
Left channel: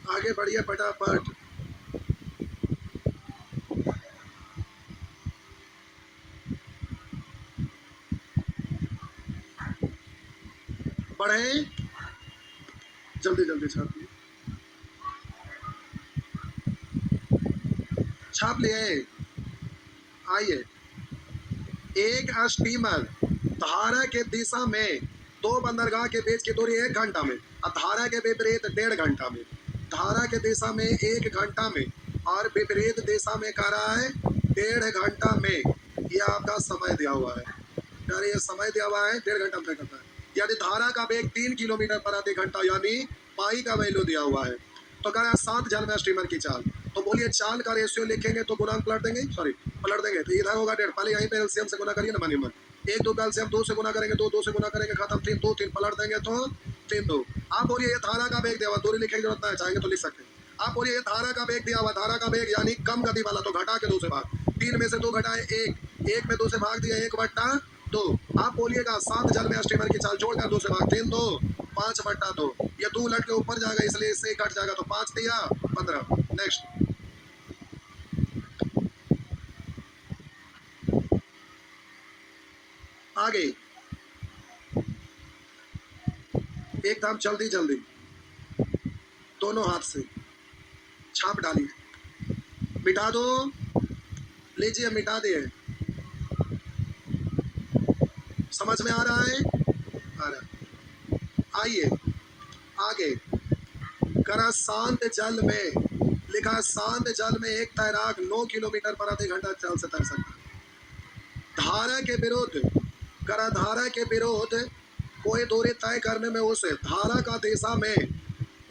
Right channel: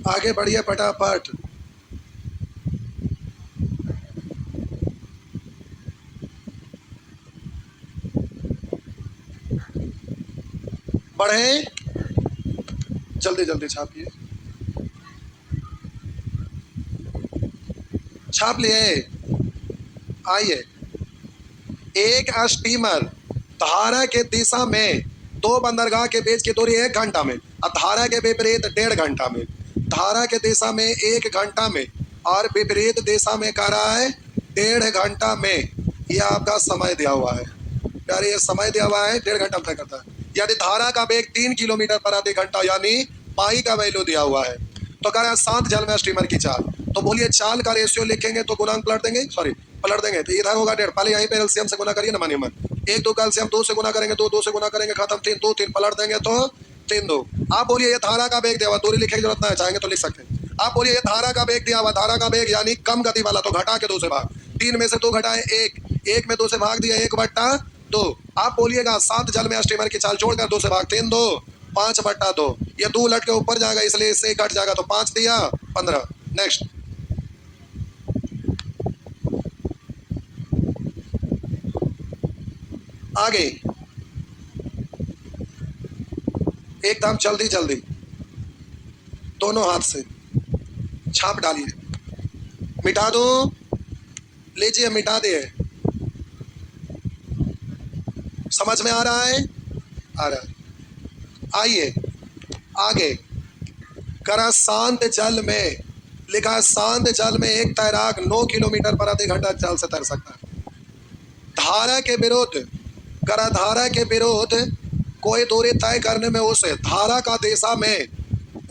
आगे बढ़िए फटाफट। बढ़े, जल्दी जल्दी छापिए, छाप लिए। आइए, एक स्टीमर धारा के दिशा में 2 बंदरगाह के बीच की दूरी 1 घंटा में, और धारा के विपरीत 1.5 घंटा में। धारा के दिशा में 1 घंटा में और विपरीत दिशा में कह रहा है 1.5 घंटा में। यह आपका समय दिया हुआ है, यार ये समय दिया हुआ है, 1.5 घंटा तय करता है। यदि धारा का वेग 3 किलोमीटर प्रति घंटा यानी पाई का वैल्यू दिया हुआ है, तो कह रहा है शांत जल में स्टीमर की चाल। तो बोलिए चाल का रेशियो लिखेंगे तो गुणांक पलट देंगे, सॉरी पलट देंगे, तो इधर होगा 1.5, पहले यहीं पे एलसीएम से गुना करिए ना, मानिए मन 1 2 का एलसीएम 2 से गुना करेंगे, 2 2 से गुना करेंगे, खत्म, 3 2 3 पलट देंगे तो 3 2। आप बोलिए ये धारा का वेग दिया हुआ, दूरी लिखने की जरूरत नहीं है, चाहेंगे तो लिख सकते हैं। आप बोलिए ये धारा का वेग दिया हुआ, धारा का वेग यानी कम गति वाला, तो घटा के 2 से भाग, 3 में से 2 घटाए 1, 1 में 2 से भाग दिया 1/2। आप बोलिएगा शांत जल में स्टीमर की चाल जोड़कर 2 से भाग, 3 2 5/2, ये 2 उलट के ऊपर जाएगा इसलिए इससे घट जाएगा, तो 5 दिया 15। नेक्स्ट, आगे एकदम जल्दी जल्दी दोनों हाथ से छाप डालिए, मिटा दो, लीजिए मिटा दिए। समझ में आ रहा है, आ रहा है। आइए आगे, करा शांत जल में, लिखा है शांत जल में एक तैराक 9 किलोमीटर प्रति घंटा चाल से तैर सकता है। धारा के विरुद्ध, करा धारा के विरुद्ध कोई दूरी तय करने में उसे धारा का दिशा में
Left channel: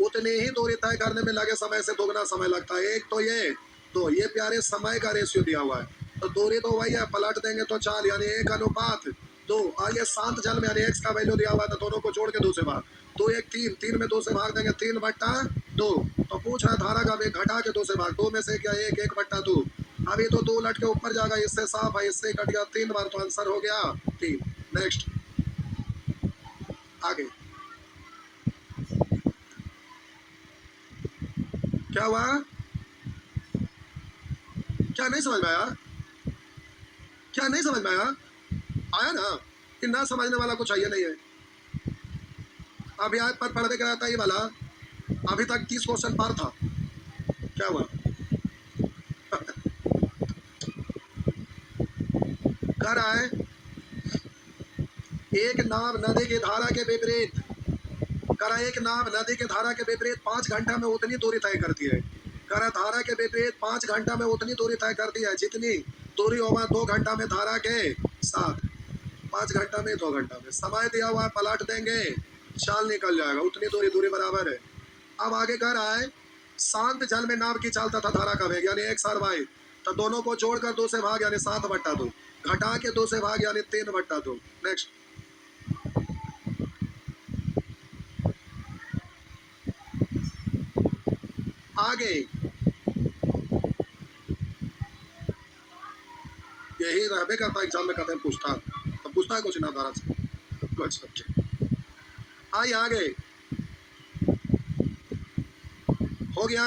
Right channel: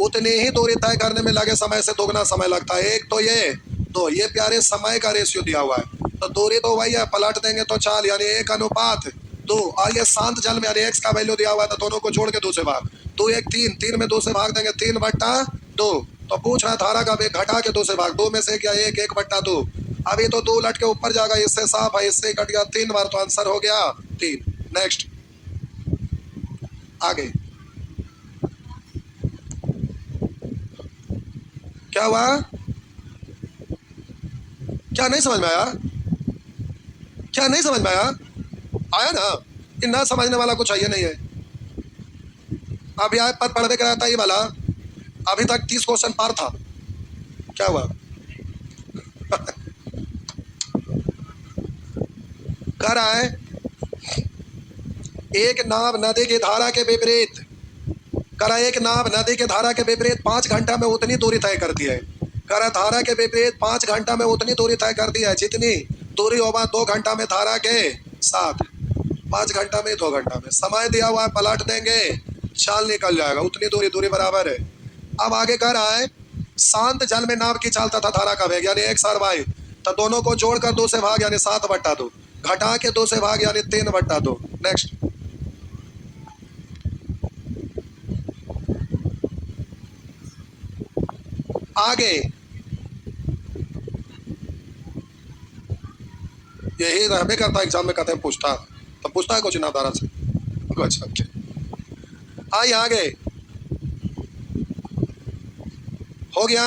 उतनी ही दूरी तय करने में लगे समय से दोगुना समय लगता है। एक तो ये, दो ये प्यारे समय का रेशियो दिया हुआ है, तो दूरी तो वही है, पलट देंगे तो 4 यानी 1:2। और ये शांत जल में यानी x का वैल्यू दिया हुआ है, तो दोनों को जोड़ के 2 से भाग, 2 1 3, 3 में 2 से भाग देंगे 3/2। तो पूछ रहा है धारा का वेग घटा के 2 से भाग, 2 में से क्या 1 1/2। अभी तो 2 लट के ऊपर जाएगा, इससे साफ है, इससे कट गया 3 बार, तो आंसर हो गया 3। नेक्स्ट आगे क्या हुआ, क्या नहीं समझ में आया, क्या नहीं समझ में आया, आया ना, कि ना समझने वाला कुछ है नहीं है। अभी आए पर पढ़वे कराया था ये वाला, अभी तक 30 क्वेश्चन पार था, क्या हुआ कर आए एक नाव नदी की धारा के विपरीत, करा एक नाव नदी के धारा के विपरीत 5 घंटा में उतनी दूरी तय करती है। करा धारा के विपरीत 5 घंटा में उतनी दूरी तय करती है जितनी दूरी होगा 2 घंटा में धारा के साथ। 5 घंटा में 2 घंटा में समय दिया हुआ है, पलट देंगे चाल निकल जाएगा, उतनी दूरी, दूरी बराबर है। अब आगे कह रहा है शांत जल में नाव की चाल तथा धारा का वेग यानी x और y, तो दोनों को जोड़कर 2 से भाग यानी 7/2, घटा के 2 से भाग यानी 3/2। नेक्स्ट आगे यही रहबे करता एग्जाम में, कहते हैं पूछता, तो पूछता है कुछ नामदारा से। अच्छा आइए आगे, हो गया,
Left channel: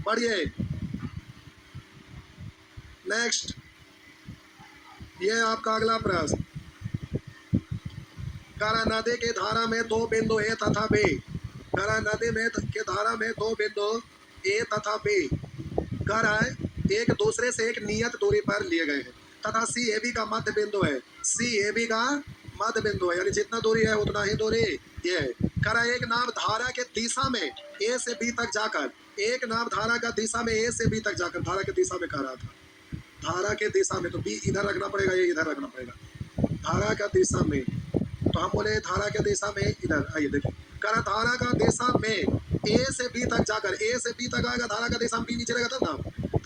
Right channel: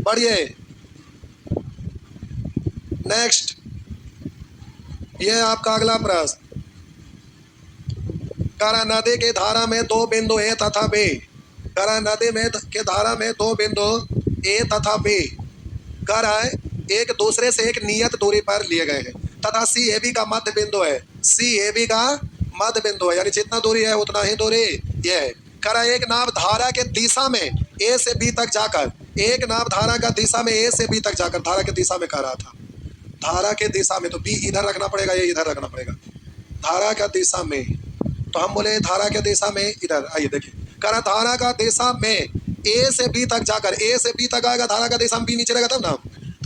बढ़िए। नेक्स्ट ये आपका अगला प्रश्न, करा नदी के धारा में 2 बिंदु ए तथा बी, करा नदी में के धारा में 2 बिंदु ए तथा बी कर है एक दूसरे से एक नियत दूरी पर लिए गए हैं तथा सी ए बी का मध्य बिंदु है, सी ए बी का मध्य बिंदु है, यानी जितना दूरी है उतना ही दूरी ये है। करा एक नाव धारा के दिशा में ए से बी तक जाकर, एक नाव धारा का दिशा में ए से बी तक जाकर, धारा के दिशा में कह रहा था, धारा के दिशा में, तो बी इधर रखना पड़ेगा, ये इधर रखना पड़ेगा, धारा का दिशा में, तो हम बोले धारा के दिशा में इधर। आइए देखिए, करा धारा का दिशा में ए से बी तक जाकर, ए से बी तक आएगा, धारा का दिशा में बी नीचे रहेगा तब ना,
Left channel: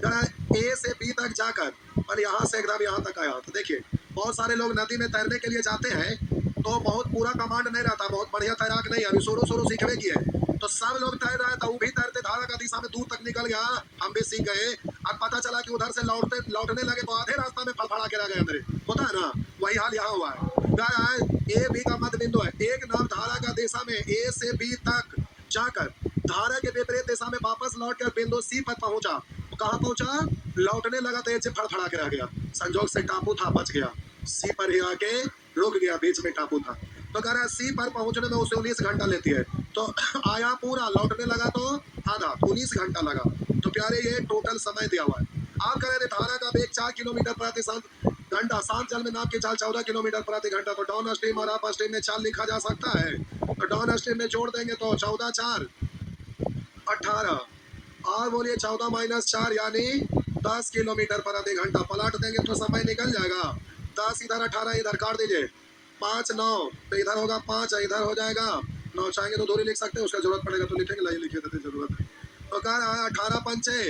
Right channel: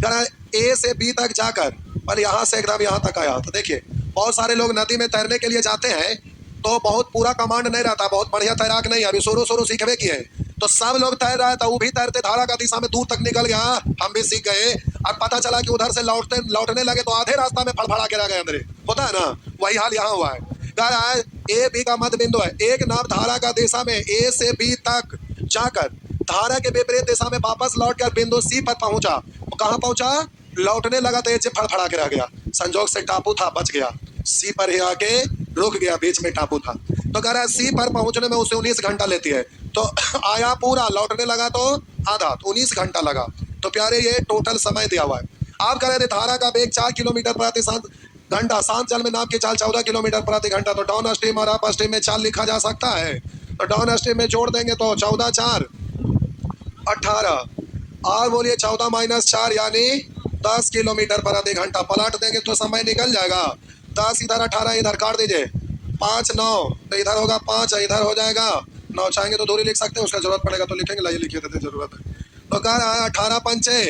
करा ए से बी तक जाकर, पर यहाँ से एकदम यहाँ तक आया। तो देखिए बहुत सारे लोग नदी में तैरने के लिए जाते हैं तो बहुत पूरा कमांड नहीं रहता, बहुत बढ़िया तैराक नहीं है, अभी शुरू शुरू सीखने की है, तो सब लोग तैर रहा है, तो वो भी तैरते धारा का दिशा में दूर तक निकल गया, हम भी सीख गए, और पता चला कि उधर से लौटने लगे तो आधे रास्ता में फड़फड़ा के रह गए अंदर, होता है ना, वही हाल यहाँ हुआ है। कह रहा है ए बी का मध्य बिंदु है, एक नाव धारा का दिशा में ए से बी तक जाकर धारा के विपरीत दिशा में वापस लौटकर बिंदु सी पर पहुंचा, कहाँ पहुंचा, लौटने लगा तो ये फड़फड़ा के रह गया, संजोग से टापू था, बच गया, सी पर ही आके रुक गया, बीच में टापू था। तो कह रहा है सी पर पहुंचने में उसे 19 घंटा लेती है, तो आया पूरा, लौटने लगा तो आधा, तो 19 घंटा लगा। तो प्यारे ये टोटल समय दिया हुआ है। आप कह रहे थे धारा का वेग 4 किलोमीटर प्रति घंटा, शांत जल में नाव की चाल 14 किलोमीटर प्रति घंटा, तो डाउन स्ट्रीम और अप स्ट्रीम में चाल लिखा जा सकता है, तो डाउन स्ट्रीम में जोड़ देंगे तो 14 4 18, और बोलिए 14 - 4 यानी 10 किलोमीटर प्रति घंटा, पलट देंगे तो समय निकल जाएगा, 10 इधर 18 इधर काट दीजिए, 5 9, तो इधर होगा 5, इधर हो जाएगा 9, चाहेंगे तो दूरी लिख सकते हैं, उसका जरूरत पड़ेगा तो लिखेंगे, लाइए लिखिए देते जरूरत है। तो कह रहा है 18 पंचे,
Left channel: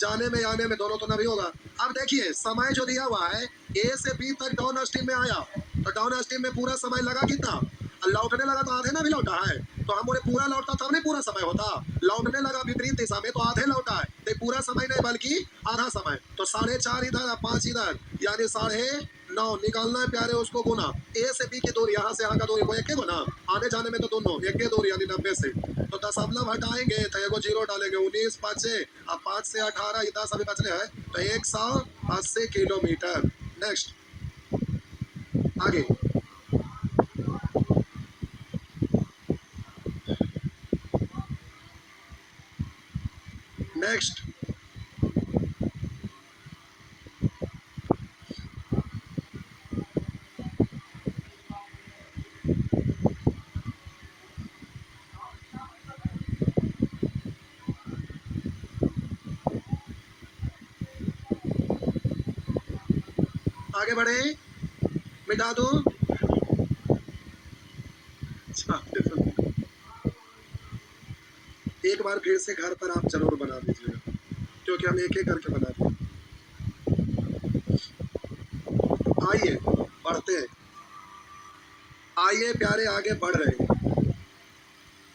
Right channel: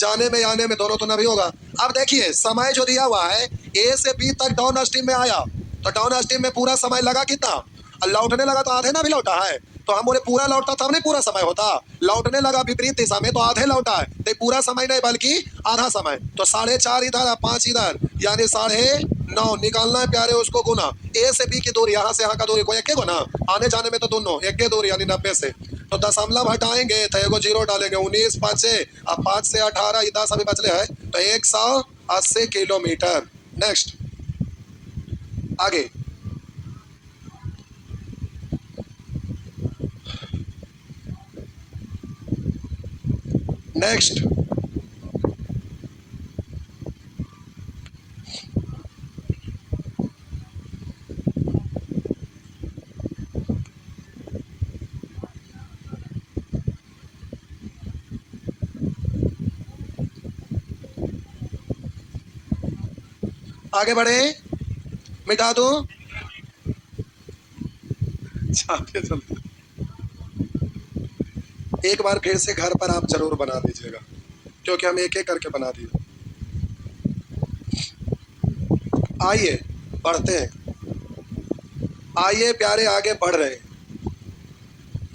जाने में आने में दोनों तो नहीं होगा। अब देखिए समय जो दिया हुआ है ए से बी तक डाउन स्ट्रीम में आया, तो डाउन स्ट्रीम में पूरा समय लगा कितना, और लौटने लगा तो आधे ना भी लौटा है, तो हम बोले पूरा लौटता तब नहीं पूरा समय होता, लौटने लगा विपरीत दिशा में तो आधे लौटा है, तो पूरा समय नहीं बल्कि आधा समय, तो 4.5 इधर 5 इधर यानी 9.5 निकालना है प्यारे, उसको गुना ए से बी की दूरी, यहाँ से यहाँ का दूरी को एक गुना, आने जाने में तो दोनों एक दूरी यानी 90 से, तो दशमलव हटाएंगे तो एगो जीरो डालेंगे, 19 5 अब 5 से 18 ये 10 अभी बचले है, तो 180 किलोमीटर। नेक्स्ट आगे, नेक्स्ट आगे बढ़े, मिटा दूं, एक बार फिर से घर पर आप जरूर बना दीजिएगा, क्योंकि हम एक एक करके बना दिए। आइए बढ़ते हैं, आइए प्यारे आगे बढ़ रहे हैं।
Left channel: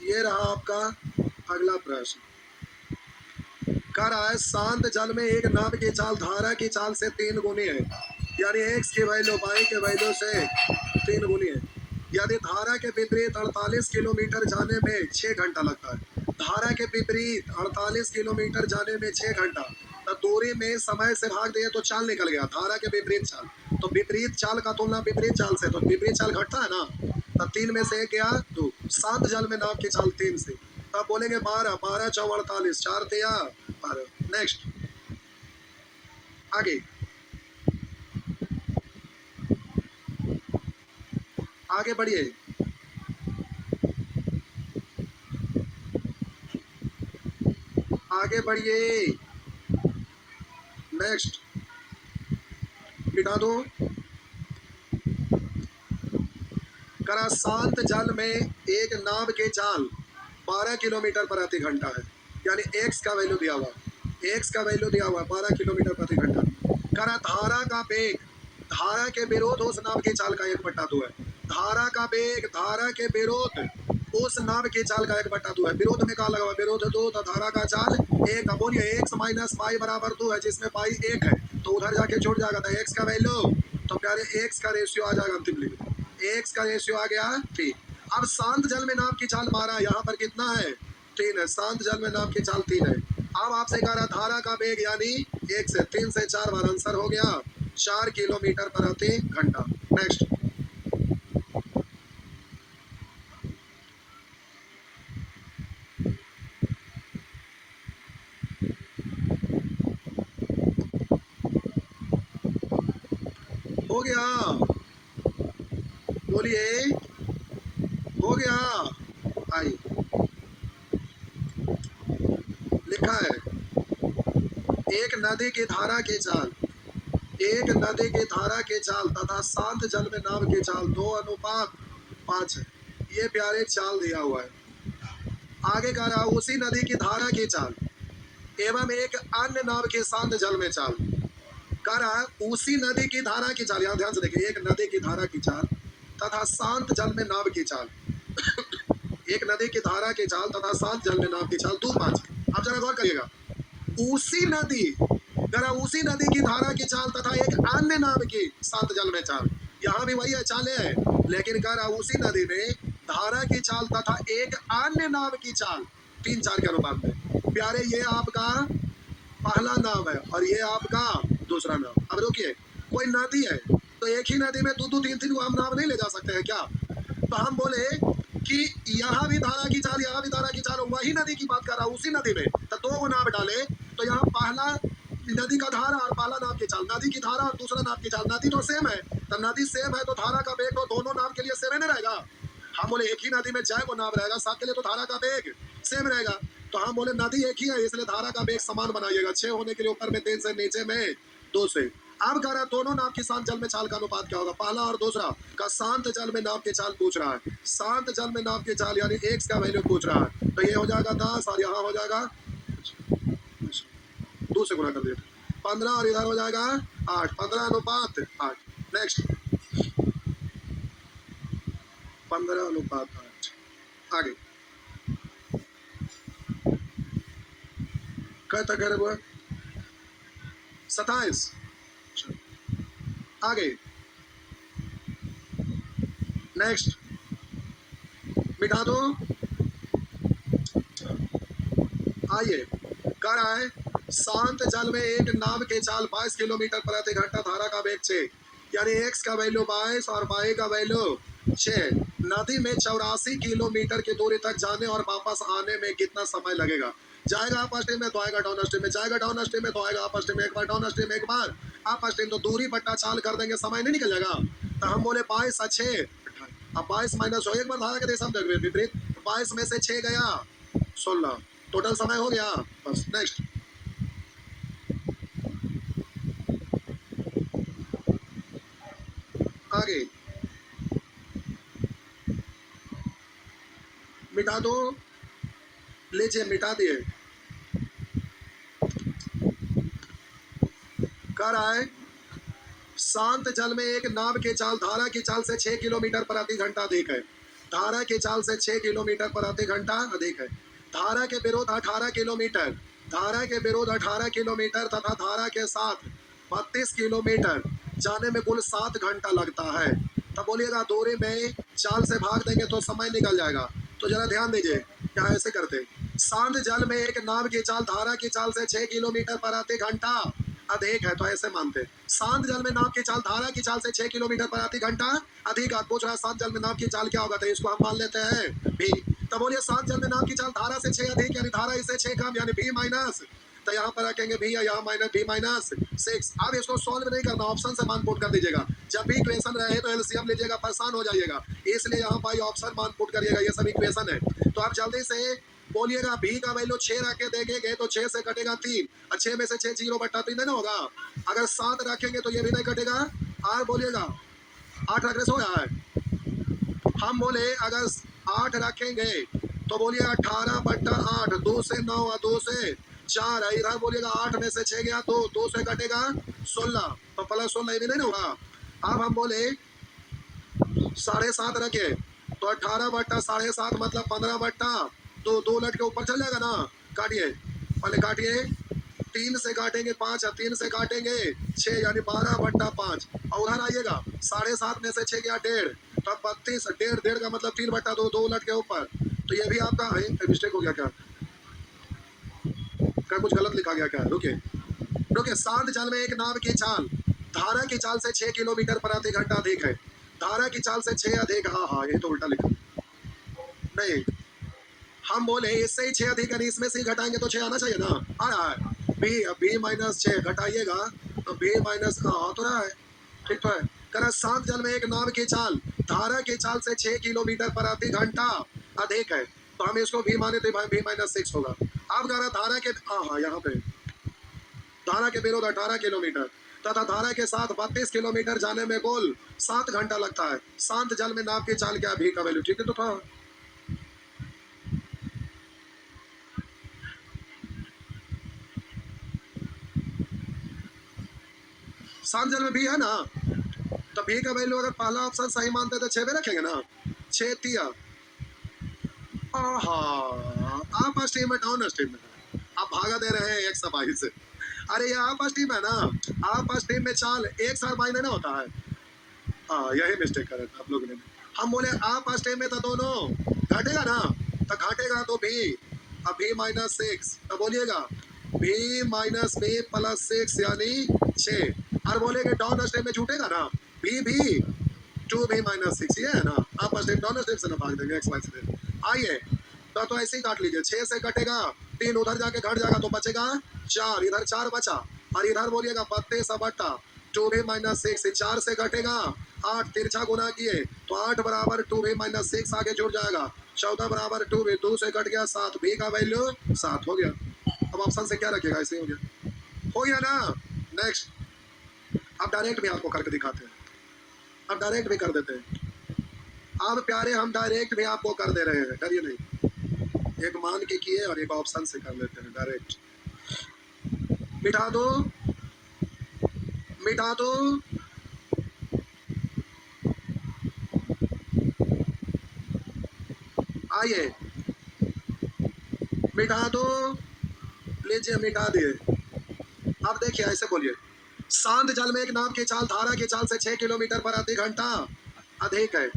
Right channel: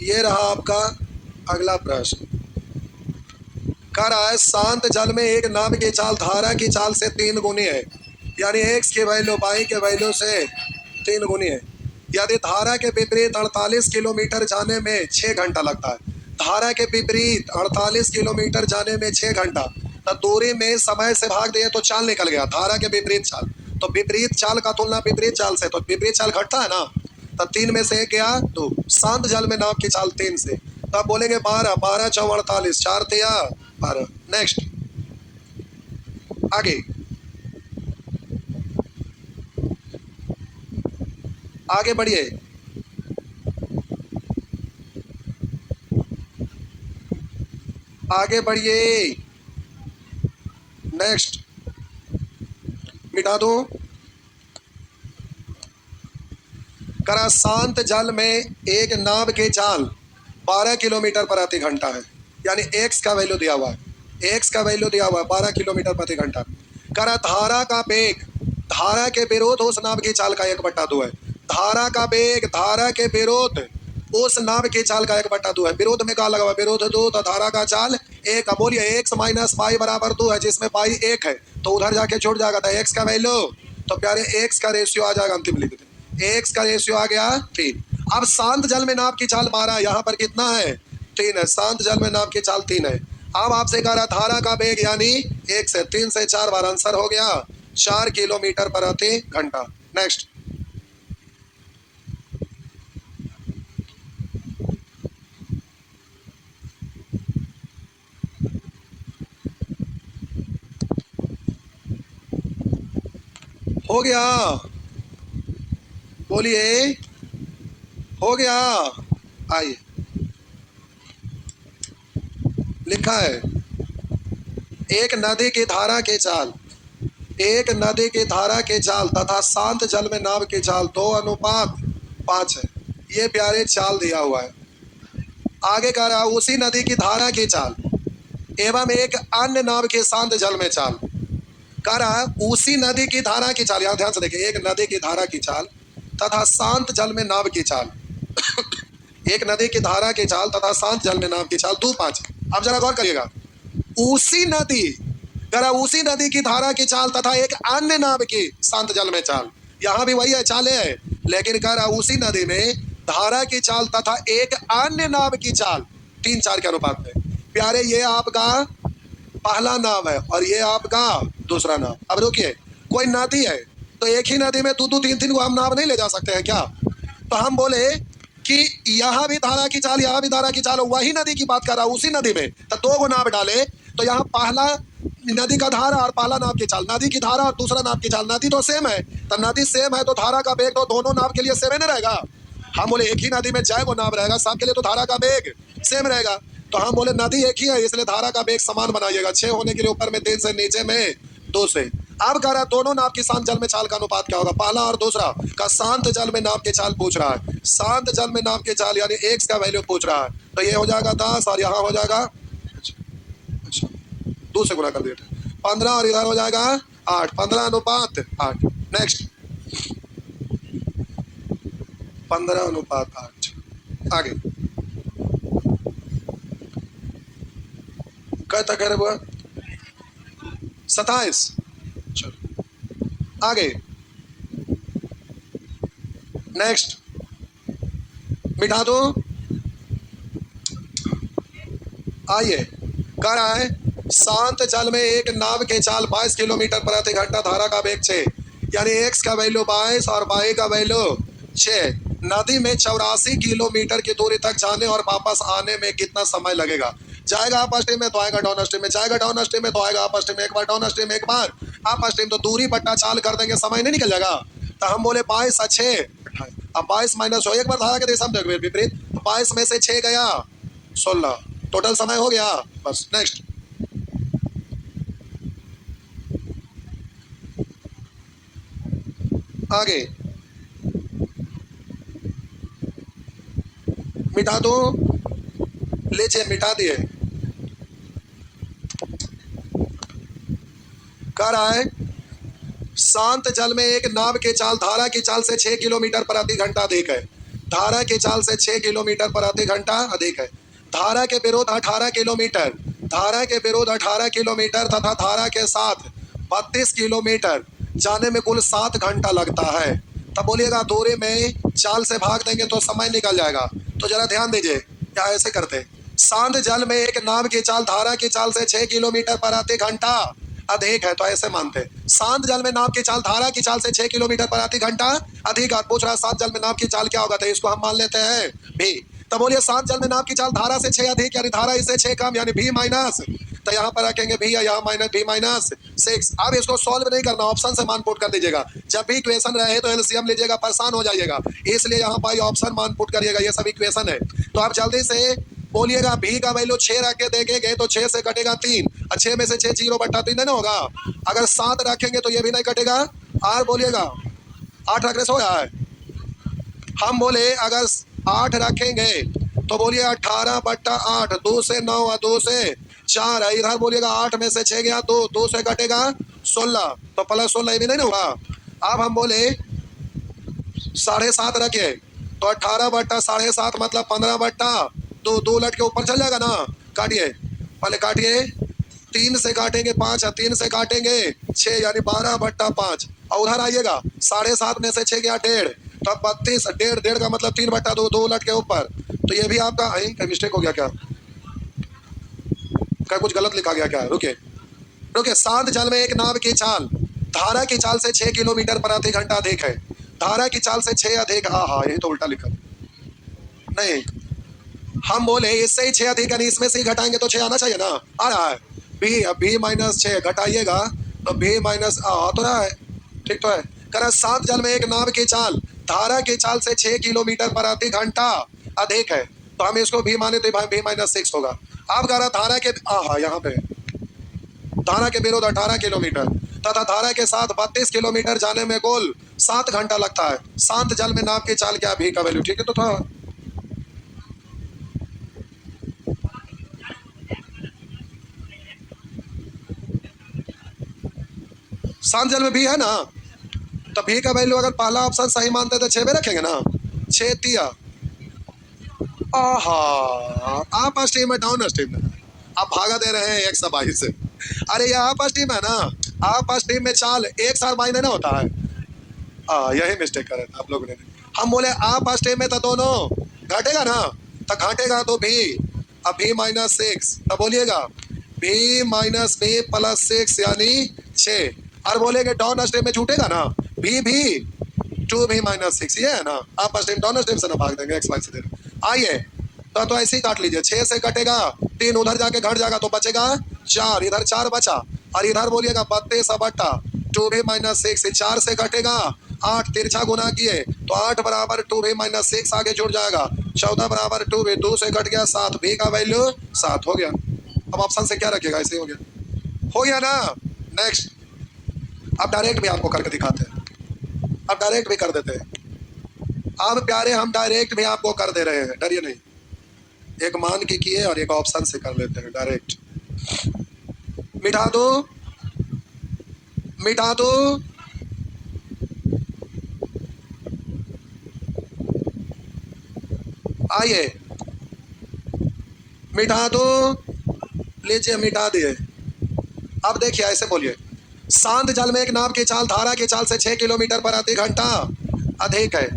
ये रहा आपका अगला प्रश्न। कह रहा है शांत जल में एक नाव की चाल धारा की चाल से 3 गुनी है, यानी एक्स की वैल्यू वाई के वैल्यू से 3 गुनी है। यदि धारा के विपरीत 48 किलोमीटर जाने में 6 घंटा लगता है, धारा के विपरीत 48 किलोमीटर जाने में 6 घंटा, तो दूरी में समय से भाग दिए तो चाल निकल गया, धारा के विपरीत चाल। तो विपरीत चाल का तुलना विपरीत चाल से, तो विपरीत चाल घटता है ना, तब 3 में से 1 गया 2। शांत जल में नाव की चाल 3 से, तब बोलेंगे 12, 12 चौ 48, 4 तिया 12। नेक्स्ट, आगे आगे बढ़िए। आगे बढ़िए, नेक्स्ट, मिटा दो। करा शांत जल में एक नाव की चाल 12 किलोमीटर प्रति घंटा है, यानी एक्स का वैल्यू दिया हुआ है, एक्स का वैल्यू दिया हुआ है 12 किलोमीटर प्रति घंटा। करा धारा का वेग धारा के विरोध उस नाव की चाल का 1/2 है। धारा का वेग धारा के विरोध उस नाव की चाल का 1/2 है। विरोध में क्या लगा हुआ, विरोध 2, तो धारा का चाल 1। अब बोलिए एक्स माइनस पाई बराबर 2 है, जिसमें पाई 1 है, तो उधर जाके छूट जाएगा, था एक्स का वैल्यू, तो प्यारे एक्स का रेशियो आ जाएगा, अंतिम लिख दे, एक्स का रेशियो आ गया 3। अब शांत जल में नाव की चाल 12, यहाँ पर कितना है 3 है, शांत जल में नाव की चाल 3 है। अब आपसे कह रहा धारा का वेग यानी 1 से 3 से 4 बार, आंसर हो गया 4 किलोमीटर प्रति घंटा। नेक्स्ट, हो गया, बोलिए, हो गया। आइए, लिखा है एक नदी की धारा की चाल, एक नदी की धारा की चाल तथा शांत जल में नाव की चाल 2:5 है। ये प्यारे चाल दिया हुआ है। आगे कह रहा उसी नदी की धारा की चाल एवं एक अन्य नाव के शांत जल में चाल। कह रहा उसी नदी की धारा की चाल, यहां ध्यान से देखिए, एक नदी की धारा की चाल तथा शांत जल में नाव की चाल एक नदी की धारा की चाल तथा शांत जल में नाव की चाल 2:5। अब जरा गौर करिएगा, उसी नदी, जरा उसी नदी की धारा की चाल तथा एक अन्य नाव की शांत जल में चाल, यहां भी वही है, चाले है, लेकिन कह रहा उसी नदी में धारा की चाल तथा एक अन्य नाव की चाल 3-4 के अनुपात में। प्यारे ये आपका पहला नाव है और ये आपका दूसरा नाव। अब रुकिए, कोई नदी है तो एक ही नदी में 2-2 3-3 को हम नाव नहीं ले जा सकते हैं क्या? तो हम बोले कि यहाँ भी धारा की चाल, यहाँ भी धारा की चाल, वही नदी की बात कर रहा, उसी नदी में तो 2 गो नाव डाले, तो यहाँ पहला नदी का धारा और पहला नाव की चाल, नदी की धारा और दूसरा नाव की चाल, नदी तो सेम है, तो नदी सेम है तो धारा का वेग तो दोनों नाव के लिए सेम ही नहीं रहेगा। हम बोले एक ही नदी में जय को नाव रहेगा, सबके लिए तो धारा का वेग सेम रहेगा, तो हम बोले नदी एक ही है इसलिए धारा का वेग समान बनाइएगा, 6 होने के लिए ऊपर में 3 से, नीचे में 2 से। अब कह रहा दोनों नाव की शांत जल में चाल का अनुपात क्या होगा, पहला और दूसरा का। शांत जल में नाव की चाल पूछ रहा है, शांत जल में नाव की चाल यानी एक्स का वैल्यू पूछ रहा है, तो ये हो जाएगा 10 और यहाँ हो जाएगा 2 से गुणा कर दिया 15 और इधर हो जाएगा 8, 15:8। नेक्स्ट, 15:8। आगे कब तक है वो, 27। आगे नेक्स्ट, मिटा दो। आइए, कह रहा है शांत जल में एक नाव के चाल 22 किलोमीटर प्रति घंटा, धारा का वेग 6, यानी एक्स का वैल्यू 22 और वाई का वैल्यू 6। नदी में 84 किलोमीटर की दूरी तक जाने और वापस आने में कितना समय लगेगा? जाएगा अप स्ट्रीम में तो आएगा डाउन स्ट्रीम में, जाएगा डाउन स्ट्रीम में तो आएगा अप स्ट्रीम में, एक बार डाउन स्ट्रीम में एक बार अप स्ट्रीम, तो दूरी बट्टा चाल कर देंगे, समय नहीं निकल जाएगा। तो हम बोले 22 और 6, अब 22 माइनस हो, एक बार धारा के दिशा में देखो विपरीत, 22 में से 6 गया 16, टोटल समय हो गया बस। नेक्स्ट, आगे मिटा दो। लीजिए मिटा दिए। कह रहा है शांत जल में एक नाव की चाल धारा की चाल से 6 किलोमीटर प्रति घंटा अधिक है। धारा की चाल से 6 किलोमीटर प्रति घंटा अधिक है। धारा के विरोध 18 किलोमीटर, धारा के विरोध 18 किलोमीटर तथा धारा के साथ 32 किलोमीटर जाने में कुल 7 घंटा लगता है। तब बोलिएगा दूरी में चाल से भाग देंगे तो समय निकल जाएगा। तो जरा ध्यान दीजिए, क्या ऐसे करते शांत जल में एक नाव की चाल धारा की चाल से 6 किलोमीटर प्रति घंटा अधिक है, तो ऐसे मानते हैं शांत जल में नाव की चाल धारा की चाल से 6 किलोमीटर प्रति घंटा अधिक। आप पूछ रहा है शांत जल में नाव की चाल क्या होगा, तो इसको हम मान लेते हैं भी। तो बोलिए शांत जल में नाव की चाल धारा से 6 अधिक यानी धारा इससे 6 कम यानी भी माइनस, तो यहाँ पर रखेंगे भी या यहाँ माइनस भी माइनस 6। अब इसको सॉल्व नहीं करना, ऑप्शन से मान पुट कर दीजिएगा। जब भी इक्वेशन रहे तो एलसीएम लीजिएगा, परेशान हो जाइएगा, इसलिए यहाँ पर ऑप्शन मान पुट करिएगा। ये सब इक्वेशन है, तो आप जल्दी से बोलिएगा भी का वैल्यू 6 रख के देखेंगे तो 6 से कटेगा 3 और 6 में से 6 0/3 नहीं ना होगा। अगर 7 रखेंगे तो ये भी नहीं कटेगा। और बोलिएगा 8 रखने से हो रहा है। हम बोले अगर 8 रखेंगे तो बोलिए 18/8, 2 से 9 और 2 से 4 है। इधर बोलिएगा 8 में से 6 गया तो 2 से कटेगा 16, तो प्लस 16 भी नहीं ना होगा। अब हम बोले 7.5 रखे तो 18/7.5 मतलब 15/2, 2 लट के ऊपर चल जाएगा ना। काटिए, पहले काटिए, 3 से काटेंगे 5 और 3 से काटेंगे 6 यानी 12/5। और उधर आइएगा 7.5 में से 6 गया 1.5, तो 32, 1.5 का मतलब 3/2, 2 लट के ऊपर। तो ये भी आपका क्या मिस्टेक हो गया, क्या कुछ गलत लिखा गया क्या? रुकिए रुकिए, शांत जल में एक नाव की चाल धारा की चाल से 6 किलोमीटर प्रति घंटा अधिक है। धारा की चाल से 6 अधिक, हाँ ये तो उल्टा लिखा नहीं। हम बोले इससे ही 6 अधिक यानी इसमें से ही घटाएंगे तो 6 आना चाहिए ना। आ रहा है भी माइनस 6 घटाइएगा तो भी माइनस तो रहा है, ठीक तो है। कह शांत जल में एक नाव की चाल धारा की चाल से 6 किलोमीटर प्रति घंटा अधिक है, तो हम इसको भी माने तो भी -6 होगा। अब कह रहा धारा के यहाँ पे धारा के विरोध 18 किलोमीटर तथा धारा के साथ 32 किलोमीटर जाने में कुल 7 घंटा लगता है। शांत जल में नाव की चाल क्या भी का वैल्यू, ठीक है तो था। शांत जल में भी है ना, तो भी का वैल्यू अगर पहला ऑप्शन सही मानते तो 6 में रखेंगे ना। 6 तिया आप स्ट्रीम में डाउन स्ट्रीम में आप भागा दे रहे हैं 122 से। अरे ये आप स्ट्रीम है ना, आप स्ट्रीम में चाल 1 साल बाई नहीं होता है। यही मिस्टेक करे आप लोगों ने। हम बोले आप स्ट्रीम में तो दोनों घटेगा ना, तो घटेगा तो भी अब भी -6, तो बोलिएगा भी माइनस भी प्लस 6 यानी 6। और बोलेंगे डाउन स्ट्रीम में छूटेगा ना भी 2 भी -6, ये है ना। आप स्ट्रीम डाउन स्ट्रीम से ना भाग देंगे x y से दे। आइए तो ऐसे ही काट लीजिए, 6 से कटेगा 3 उधर जाके घट जाएगा तो बचेगा 4, इधर 4 बचा। और इधर बोलिएगा 32/2 भी -6, 4 से कटेगा 8, तिरछा गुना किए तो 8 बराबर 2 भी -6 आगे जुड़ जाएगा। 14 बराबर 2 भी 2 से कट गया 7, भी का वैल्यू 7 हो गया। अब ऑप्शन से क्या रखेगा, ऐसे हो गया ना। नेक्स्ट, अब डायरेक्ट भी आपको करके दिखाते हैं, अब डायरेक्ट भी कर देते हैं। अब प्यारे हम डायरेक्ट भी आपको कर दे रहे हैं, डरिए नहीं। एक मान के किए और एक ऑप्शन से कर लेते हैं डायरेक्ट। मिटा दो मिटा दो, आइए मिटा दो, लीजिए मिटा दिए। अब देखिए ऐसे बोलिए, शांत जल में एक नाव की चाल धारा की चाल से 6 किलोमीटर प्रति घंटा अधिक है।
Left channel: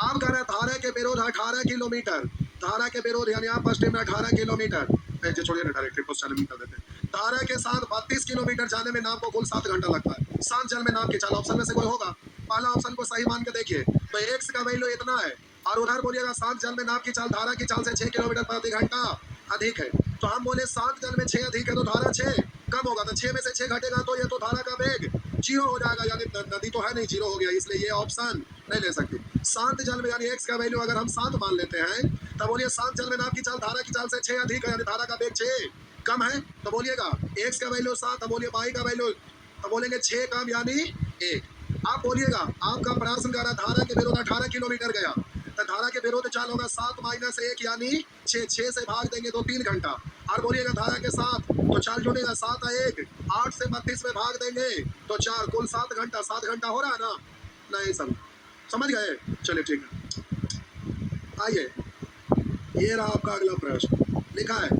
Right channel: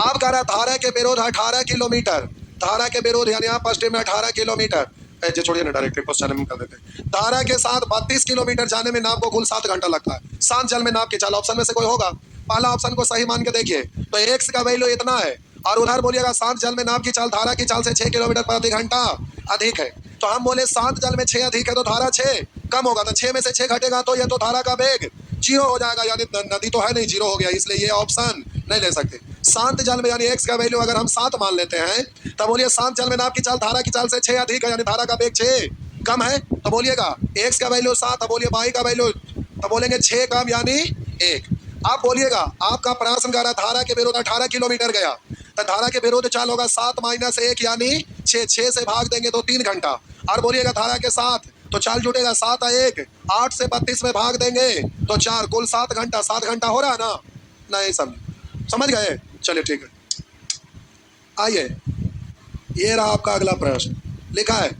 आप कह रहा धारा के विरोध 18 किलोमीटर, धारा के विरोध यानी आप फर्स्ट में 18 किलोमीटर, जो छोड़िए ना डायरेक्ट क्वेश्चन में कर देते हैं। धारा के साथ 32 किलोमीटर जाने में नाव को कुल 7 घंटा लगता है। शांत जल में नाव की चाल, ऑप्शन में से कोई होगा, पहला ऑप्शन को सही मान के देखिए तो एक्स का वैल्यू इतना है। और उधर बोलिएगा शांत जल में नाव की चाल धारा की चाल से 6 किलोमीटर प्रति घंटा अधिक है। तो हम बोले शांत जल में 6 अधिक है तो धारा 6 कम होगा, तो 6 में से 6 घटेगा तो ये तो धारा का वेग 0 हो जाएगा, यानी नदी तो है नहीं, 0 हो गया, इसलिए ये ऑप्शन नहीं ले सकते। शांत जल में यानी x का वैल्यू अगर हम 7 मान लेते हैं तो बोलिए शांत जल में नाव की चाल धारा की चाल से 6 अधिक है यानी धारा का वेग 6 कम है, तो बोलिएगा x का वैल्यू 7, तो बोलिए y का वैल्यू, तो बोलेंगे 6 कम यानी 1। आप बोलिएगा आपका प्रश्न कर रहा धारा के विरुद्ध 18 किलोमीटर गया, तो धारा के विरुद्ध चाल होगा 7-1 यानी 6, 6 से भाग देंगे तो 3 घंटा। और बोलिएगा धारा के साथ तो चाल जुटेगा 7-1, 8 से 32 में भाग देंगे तो 4, कुल 7 घंटा। 7 घंटा हो रहा है ना? नहीं समझ गए? चलिए ठीक है। आइए, ये रहा आपका अगला प्रश्न। लिखा है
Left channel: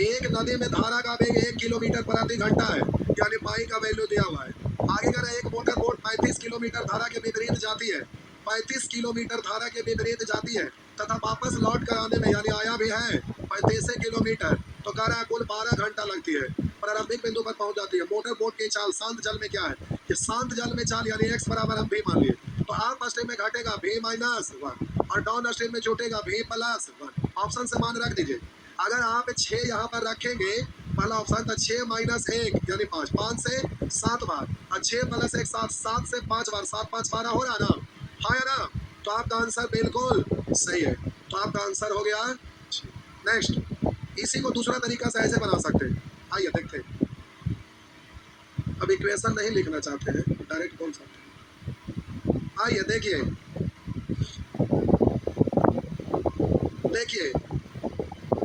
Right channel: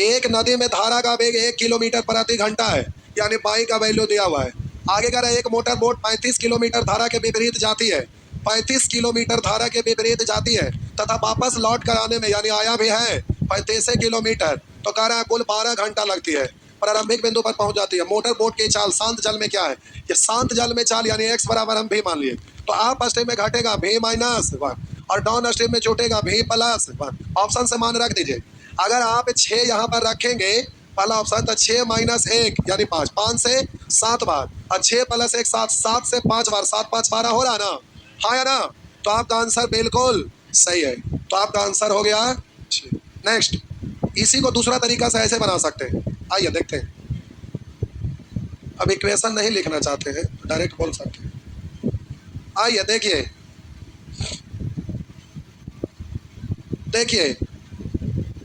एक नदी में धारा का वेग 1 किलोमीटर प्रति घंटा है, यानी पाई का वैल्यू दिया हुआ है। आगे कह रहा है एक मोटर बोट 35 किलोमीटर धारा के विपरीत जाती है, 35 किलोमीटर धारा के विपरीत जाती है तथा वापस लौट कर आने में यानी आया भी है 35 किलोमीटर, तो कह रहा है कुल 12 घंटा लगती है। प्रारंभिक बिंदु पर पहुंच जाती है। मोटर बोट की चाल शांत जल में क्या है? ये शांत जल में चाल यानी x बराबर हम भी मान लिए, तो आप स्ट्रीम में घटेगा v-1 और डाउन स्ट्रीम में जुटेगा v+1। ऑप्शन से मान रख दीजिए। अगर आप 6 यहाँ पर रखेंगे पहला ऑप्शन, तो 6-1 यानी 5, 5 से 7 बार और 6 + 1 7, 7 से 5 बार, 7-5 12 हो रहा है ना? हाँ या ना? तो आपका आंसर बिल्कुल सही है। तो आपका आंसर हो गया। नेक्स्ट, इसी को दूसरा तरीका से ऐसे बना सकते हैं। आइए देखते हैं। अब इक्वेशन नहीं लिखना चाहते हैं तो डायरेक्ट बोल सकते हैं। आइए देखिए, देखिए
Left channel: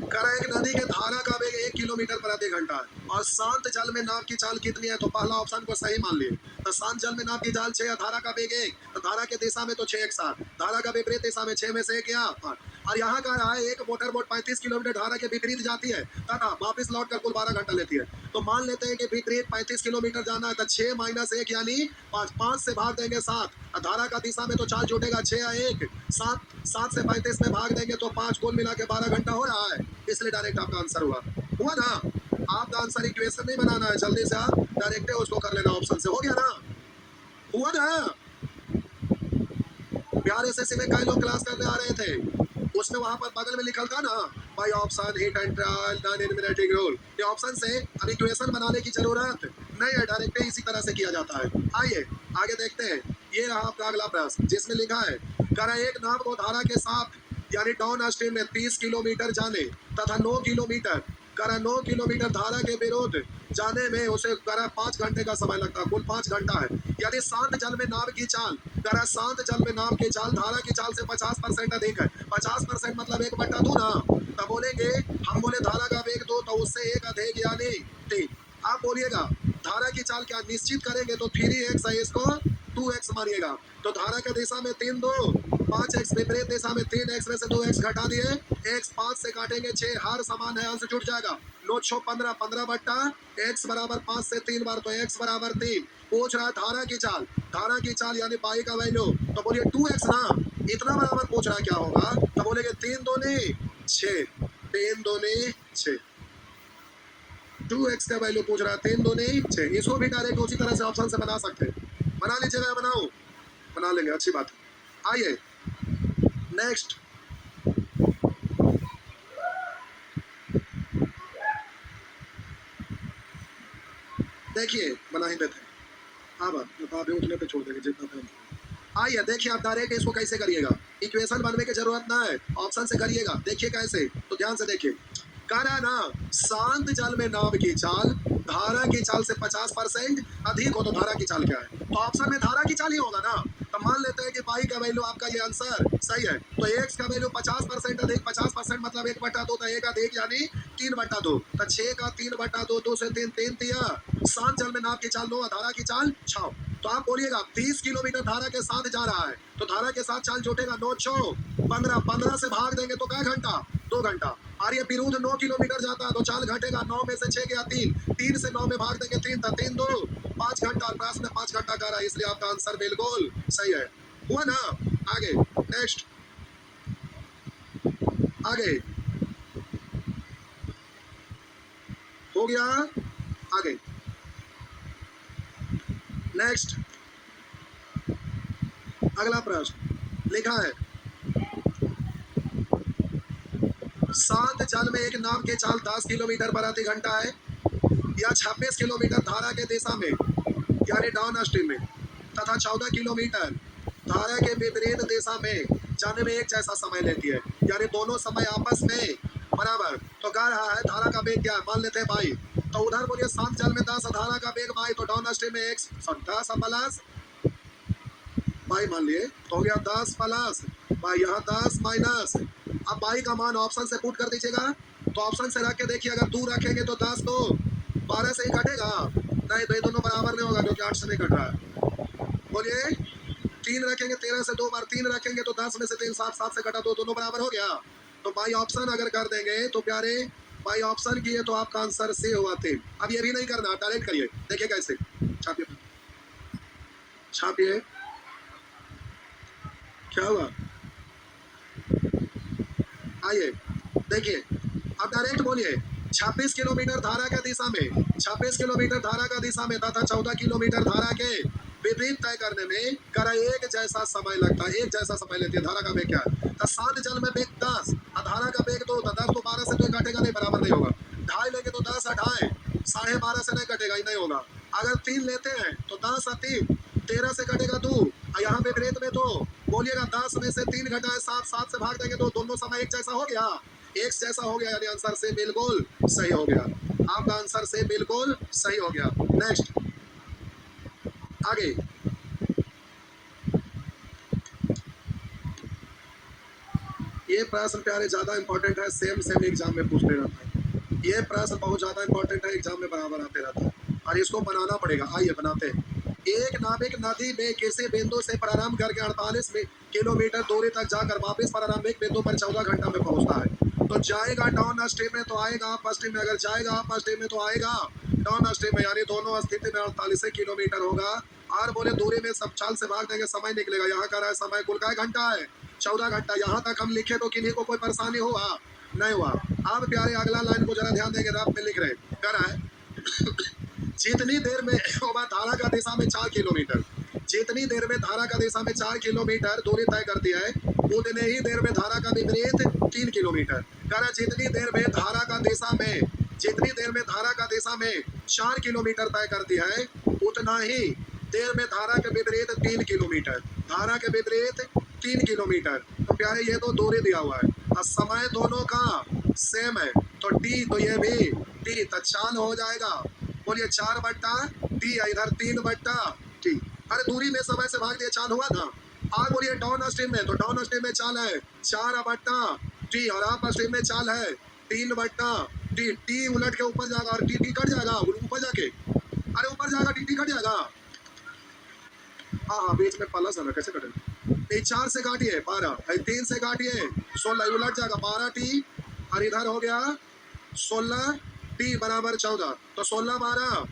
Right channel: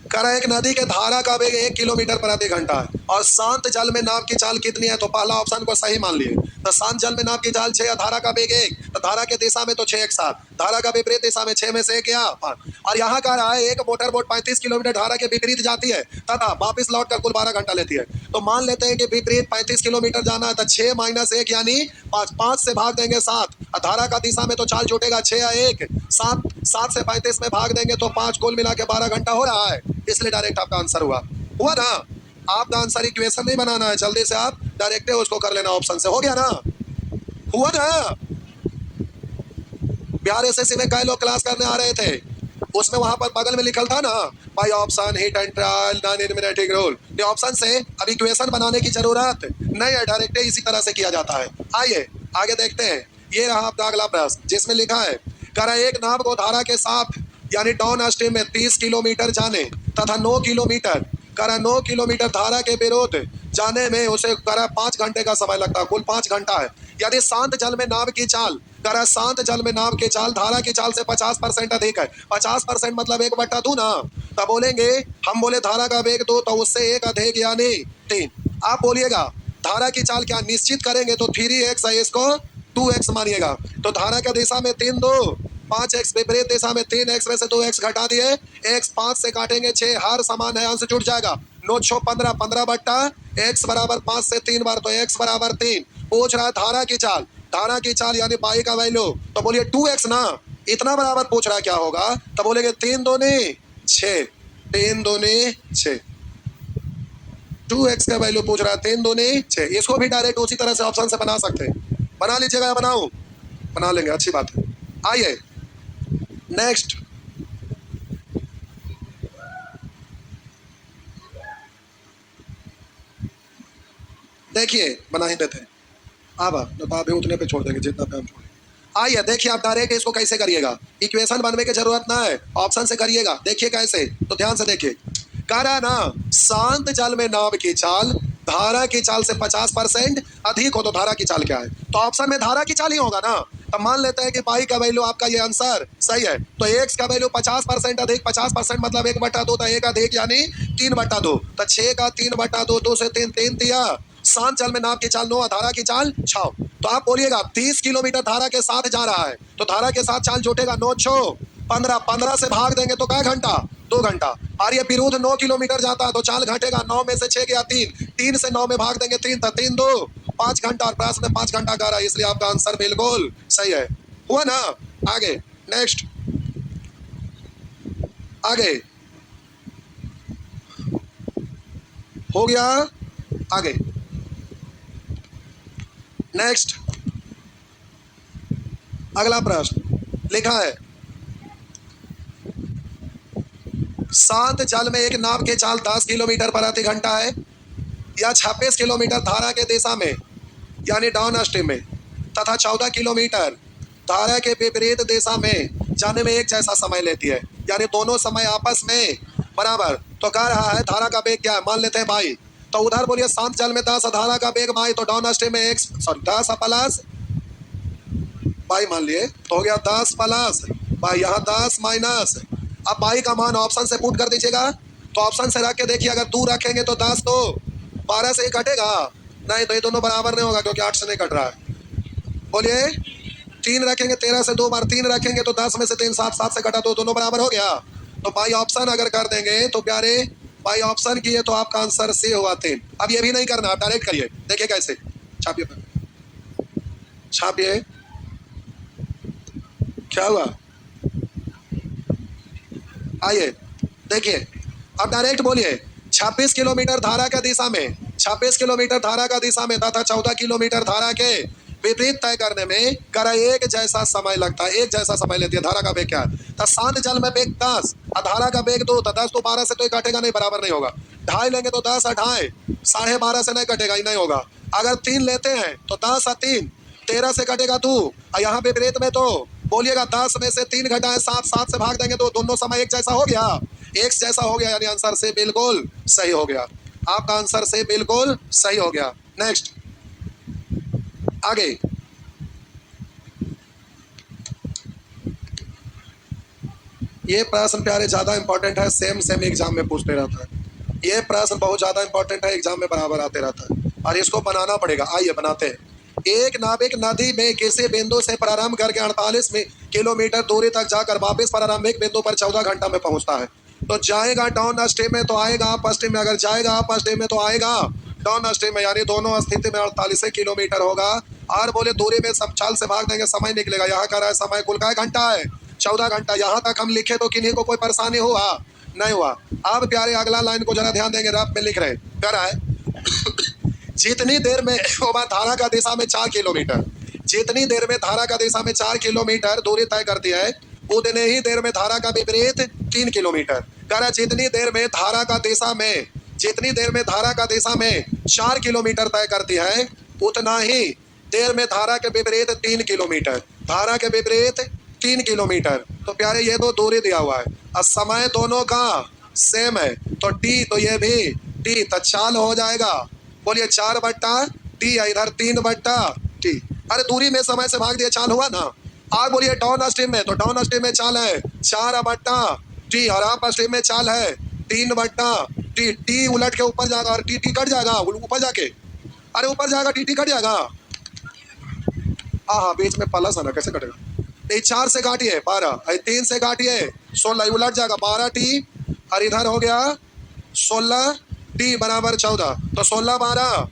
कह एक नदी के धारा का वेग 1 किलोमीटर प्रति घंटा है और शांत जल में नाव की चाल कितनी है? तो पहला ऑप्शन को सही मान लिए। तो शांत जल में नाव की चाल 6 या धारा का वेग 1, तो धारा के दिशा में तो 6 1 7, धारा का विपरीत दिशा में 6 में से 1 या 5। और यहाँ कह रहा है एक मोटर बोट 35 किलोमीटर धारा के विपरीत जाती है तथा वापस लौट कर कुल 12 घंटा लेती है। तो मान लेते हैं कि विपरीत 35 किलोमीटर जाना है, तो 6-1 यानी 5, 5 से भाग देंगे 7 और धारा का दिशा में तो चाल जुटेगा 6 या 1, 7, 7 से 35 में भाग देंगे तो 5, कुल मिला के 12 घंटा हो रहा है। इसलिए डायरेक्ट आपका आंसर हुआ ना? आपका आंसर इक्वेशन नहीं बनाना है, जल्दी से आप डायरेक्ट उसको कर लेना ऑप्शन से। हो गया ना? हुआ ना? बिहार एसएससी में कई लोग क्लास करने आ रहे थे, उसमें वहां पर बगल में लिखल था ना by option hit and trial non eliminating rule. ये ऑप्शन से अब इक्वेशन बनाने की जरूरत नहीं है, डायरेक्ट इसी तरह से किया जाता है। आइए आगे देखते हैं। ये रहा आपका अगला प्रश्न, जिसमें लिखा है कह रहा एक नाव को धारा के साथ यानी डाउन स्ट्रीम में 30 किलोमीटर जाने तथा 9 किलोमीटर कह रहा 9 किलोमीटर धारा के विरोध जाने में उसे कह रहा 5 घंटे का समय लगता है, कुल 5 घंटा है। यदि शांत जल में नाव की चाल कह रहा शांत जल में नाव की चाल धारा की चाल से 50% अधिक है। 50% मतलब 1/2 ना, तब बोलेंगे हम बोले धारा का वेग 2 तो उससे 1 अधिक यानी 3। आप बोलिएगा धारा की चाल क्या निश्चित करेंगे तो 3x है, इसको 2x मानिएगा। तो धारा का दिशा में 3 2 5x, विपरीत दिशा में 3x में से 2x घटा दिए, x 5 से काटेंगे 6, हर समान है, अंश जुट जाएगा। 9 6 15, 15 बट्टा x बराबर 5 से 3 बार तो x बराबर 3। पूछ रहा है धारा की चाल, धारा की चाल यानी पाई का वैल्यू, तो बोलिए 2x ना, इतना बराबर पूछ रहा है क्या होगा? तो बोलेंगे 3 दूनी 6, 3 दूनी 6, 2x का वैल्यू पूछ रहा है 3 दूनी 6। इसको भी डायरेक्ट उसी तरह से ऑप्शन से बना सकते हैं। बना लीजिएगा या बनाऊं? बना लेंगे, अच्छी बात है। आइए नेक्स्ट, देखिए बना ही देते हैं। अब अभी उठने पे छोड़ देंगे जितना टाइम। आइए देखिए आप डायरेक्ट इसको कैसे करिएगा, इक्वेशन बनने की जरूरत ना है, ऑप्शन से करिएगा। देखिए कैसे, तो ध्यान से देखिए। कह रहा ना शांत जल में नाव की चाल धारा की चाल से 50% अधिक हो तो धारा की चाल क्या है? तो ऑप्शन में धारा की चाल ही होगा ना। तो मान लेते हैं कि पाई का वैल्यू आपका ये आंसर सही है, तो x का वैल्यू 50% अधिक, 50% मतलब 1/2 तो 1 अधिक यानी 3/2, तो 6 का 3/2, 2 से 3 3 तिया। शांत जल में नाव की चाल 9, धारा की चाल 6। तो आप बोलिएगा 30 किलोमीटर धारा के साथ जा रहा है, तो धारा के साथ चाल जुटेगा 9 6 15, 15 से भाग देंगे तो क्या घंटा? 2 घंटा। और ये विरुद्ध 9 किलोमीटर जाता है तो चाल घटेगा, 9 में से 6 गया 3, 3 से 9 में भाग देंगे 3 था, 3 2 5 घंटा, और प्रश्न में 5 घंटा का रहा है, इसलिए आपका आंसर बिल्कुल सही है। हुआ ना? आगे नेक्स्ट, आगे हो गया। आगे नेक्स्ट, अगला प्रश्न लिखा है शांत जल में एक नाव की चाल 10 किलोमीटर प्रति घंटा है या 26 किलोमीटर धारा के दिशा में यानी डाउन स्ट्रीम में तथा 14 किलोमीटर धारा के विपरीत दिशा में जाने में एक जैसा समय लेती है, यानी दोनों समय आपस में बराबर। तो कह रहा है धारा का वेग क्या है? मान लेते हैं भाई, तो उधर बोलिए शांत जल में 10 धारा का वेग भाई, तो डाउन स्ट्रीम में 10 प्लस भाई मान लिए, तो हो गया 10 प्लस भाई यहाँ 10 माइनस, अब बाई का मान ऑप्शन से पुट कर दीजिएगा। तो ऑप्शन से रख के देखिए, अगर 2 रखेंगे तो 10 तो 12 से ही कटेगा, नहीं तो ये दोनों बराबर नहीं होगा क्योंकि 8 से नहीं कट रहा है। बोलिए 3 रखेंगे, 13 से 2 बार 3 रखेंगे तो 10 में से 3 7, 7 से कटा तो दोनों बराबर हो गया। तो बाई ऑप्शन अगर कर देंगे तो प्यारे बाई ऑप्शन किए तो आपका आंसर सी हुआ 3। अब ये भी नहीं करना, आप डायरेक्ट करिए, देखिए कैसे। छापिए, छापिए, क्या हुआ, आइए देखिए, अब डायरेक्ट बोलिए 26 किलोमीटर धारा का दिशा में, 26 किलोमीटर धारा का दिशा में तथा 14 किलोमीटर धारा के विपरीत तय करने में कर एक जैसा समय लगता है, एक जैसा समय लेती है। धारा का वेग क्या है, तो शांत जल में वेग 10 और धारा का वेग 2, तो 10 तो 12 से तो कटेगा नहीं, बराबर नहीं होगा। ढाई लेंगे तो 10 और ढाई 12.5 से नहीं कटेगा, ही नहीं होगा। अगर 3 लेते हैं तो 10 और 3 13 से कटेगा 2, और यहाँ विपरीत में तो बोलिएगा 10 में से 3 घटाए 7, 7 से भाग देंगे तो दोनों समय एक जैसा हो गया, एक जैसा हो गया, यानी आंसर से बिल्कुल सही हो गया। आपका आंसर से बिल्कुल सही हो गया। नेक्स्ट, आगे ये प्रश्न प्यारे ज्यादा इंपॉर्टेंट है, सेम सेम एग्जाम में पूछते रहता है। ये प्रश्न बहुत ज्यादा इंपॉर्टेंट है, एग्जाम में बराबर आते रहता है और इसको बनाना पड़ेगा। आइए बनाते हैं। एक नाविक नदी में किसी बिंदु से प्रारंभ करके 48 किलोमीटर दूरी तक जाकर वापस प्रारंभिक बिंदु पर 14 घंटा में पहुंचता है। तो जाएगा डाउन स्ट्रीम में तो आएगा अप स्ट्रीम में, अगर जाएगा अप स्ट्रीम में तो आएगा डाउन स्ट्रीम में, यानी दोनों स्थिति में 48 किलोमीटर होगा। और बोले दूरी में सब चाल से भाग देंगे, समय निकलेगा। यहाँ का रहा है समय कुल का घंटा है 14 घंटा। यहाँ तक हम लिखे तो किन्हीं को कोई परेशानी हुआ नहीं हुआ। अब प्यारे अगला लाइन को जरा ध्यान देंगे, रब में लिख रहे कह रहा है जितनी देर में धारा का दिशा में 4 किलोमीटर, जितनी देर में धारा का दिशा में 4 किलोमीटर दूरी तय करती है, उतने ही देर में धारा का विपरीत 3 किलोमीटर। कह रहा जितनी देर में धारा का दिशा में, जितनी देर में धारा का दिशा में 4 किलोमीटर तय करती है, उतना ही देर में धारा के विपरीत 3 किलोमीटर, धारा के विपरीत 3 किलोमीटर। तो प्यारे ये दो दूरी दिया हुआ है और समय दोनों का सेम है, तो टी, तो ये भी टी, तो चाल हो जाएगा। बोलिए 4 बट्टा टी है, इधर 3 बट्टा टी। अरे दूरी में समय से भाग दिया, चाल हुआ ना। आग बोलिए डाउन स्ट्रीम में, तो डाउन स्ट्रीम में चाल है 4 बट्टा टी और अप स्ट्रीम में चाल है 3 बट्टा टी। टी उलट के ऊपर जाएगा और टी टी कट जाएगा ऊपर जाके, अरे ऊपर जाएगा टी टी कट जाएगा। हाँ हाँ बीच में प्लस है ना, कैसे कटेगा। 4 से काटिए 12, 3 से काटिए 16, उलट जाएगा 12 टी और इधर हो गया 16 टी बराबर 14, तो 16 12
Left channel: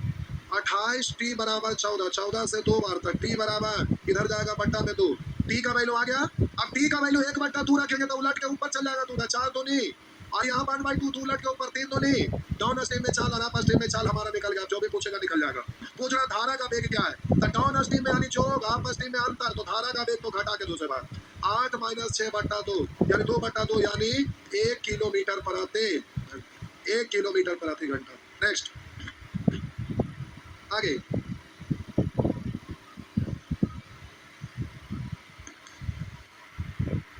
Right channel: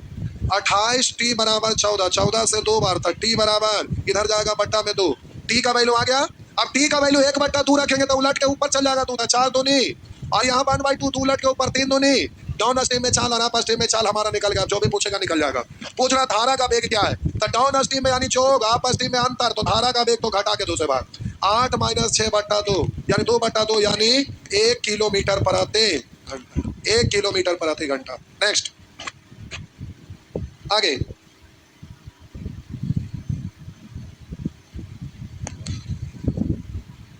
28 टी बराबर 14, 14 से 2 बार तक टी बराबर इधर जाएगा बट्टा में 2, टी का वैल्यू आ गया। अब टी का वैल्यू 1 बट्टा 2 रखेंगे तो उलट के ऊपर चल जाएगा 2, 4 दूनी और यहाँ 1/2 2 उलट के ऊपर 3 दूनी। डाउन स्ट्रीम में चाल और अप स्ट्रीम में चाल हमारा निकल गया, जो भी पूछेगा निकल जाएगा। पूछ रहा धारा का वेग क्या है, तो डाउन स्ट्रीम में यानी जो होगा अप स्ट्रीम में अंतर, तो धारा का वेग तो घटा के दूसरे बार 8 - 6 बट्टा 2 यानी 2 बट्टा 2 यानी 1 किलोमीटर प्रति घंटा, 1 किलोमीटर प्रति घंटा। नेक्स्ट, आगे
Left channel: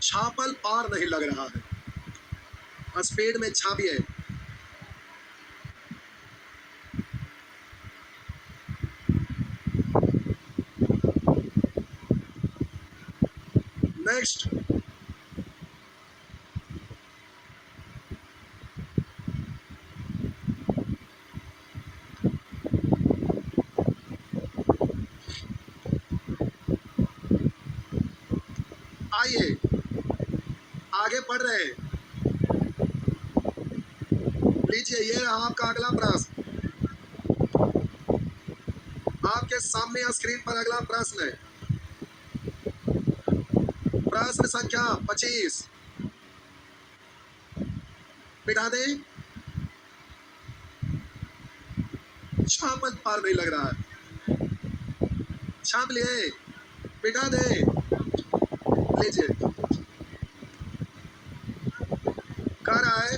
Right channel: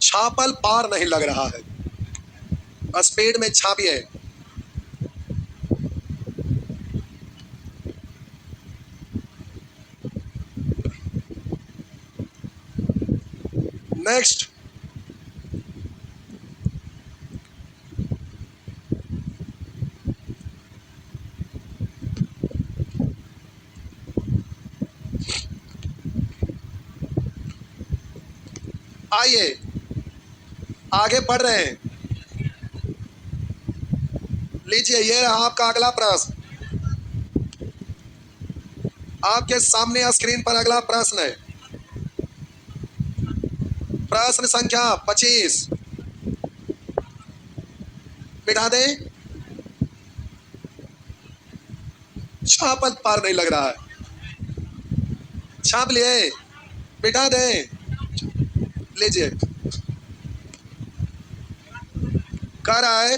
छापल पार नहीं लग रहा है, स्पीड में छापिए। नेक्स्ट, आइए आगे बढ़ रहे हैं। लीजिए ये रहा आपका अगला प्रश्न, आपके सामने स्क्रीन पर अगला प्रश्न है। प्रश्न संख्या 25, मिटा दें। छापल पार नहीं लग रहा है, छाप लिए, मिटा दें। लीजिए कह रहा है,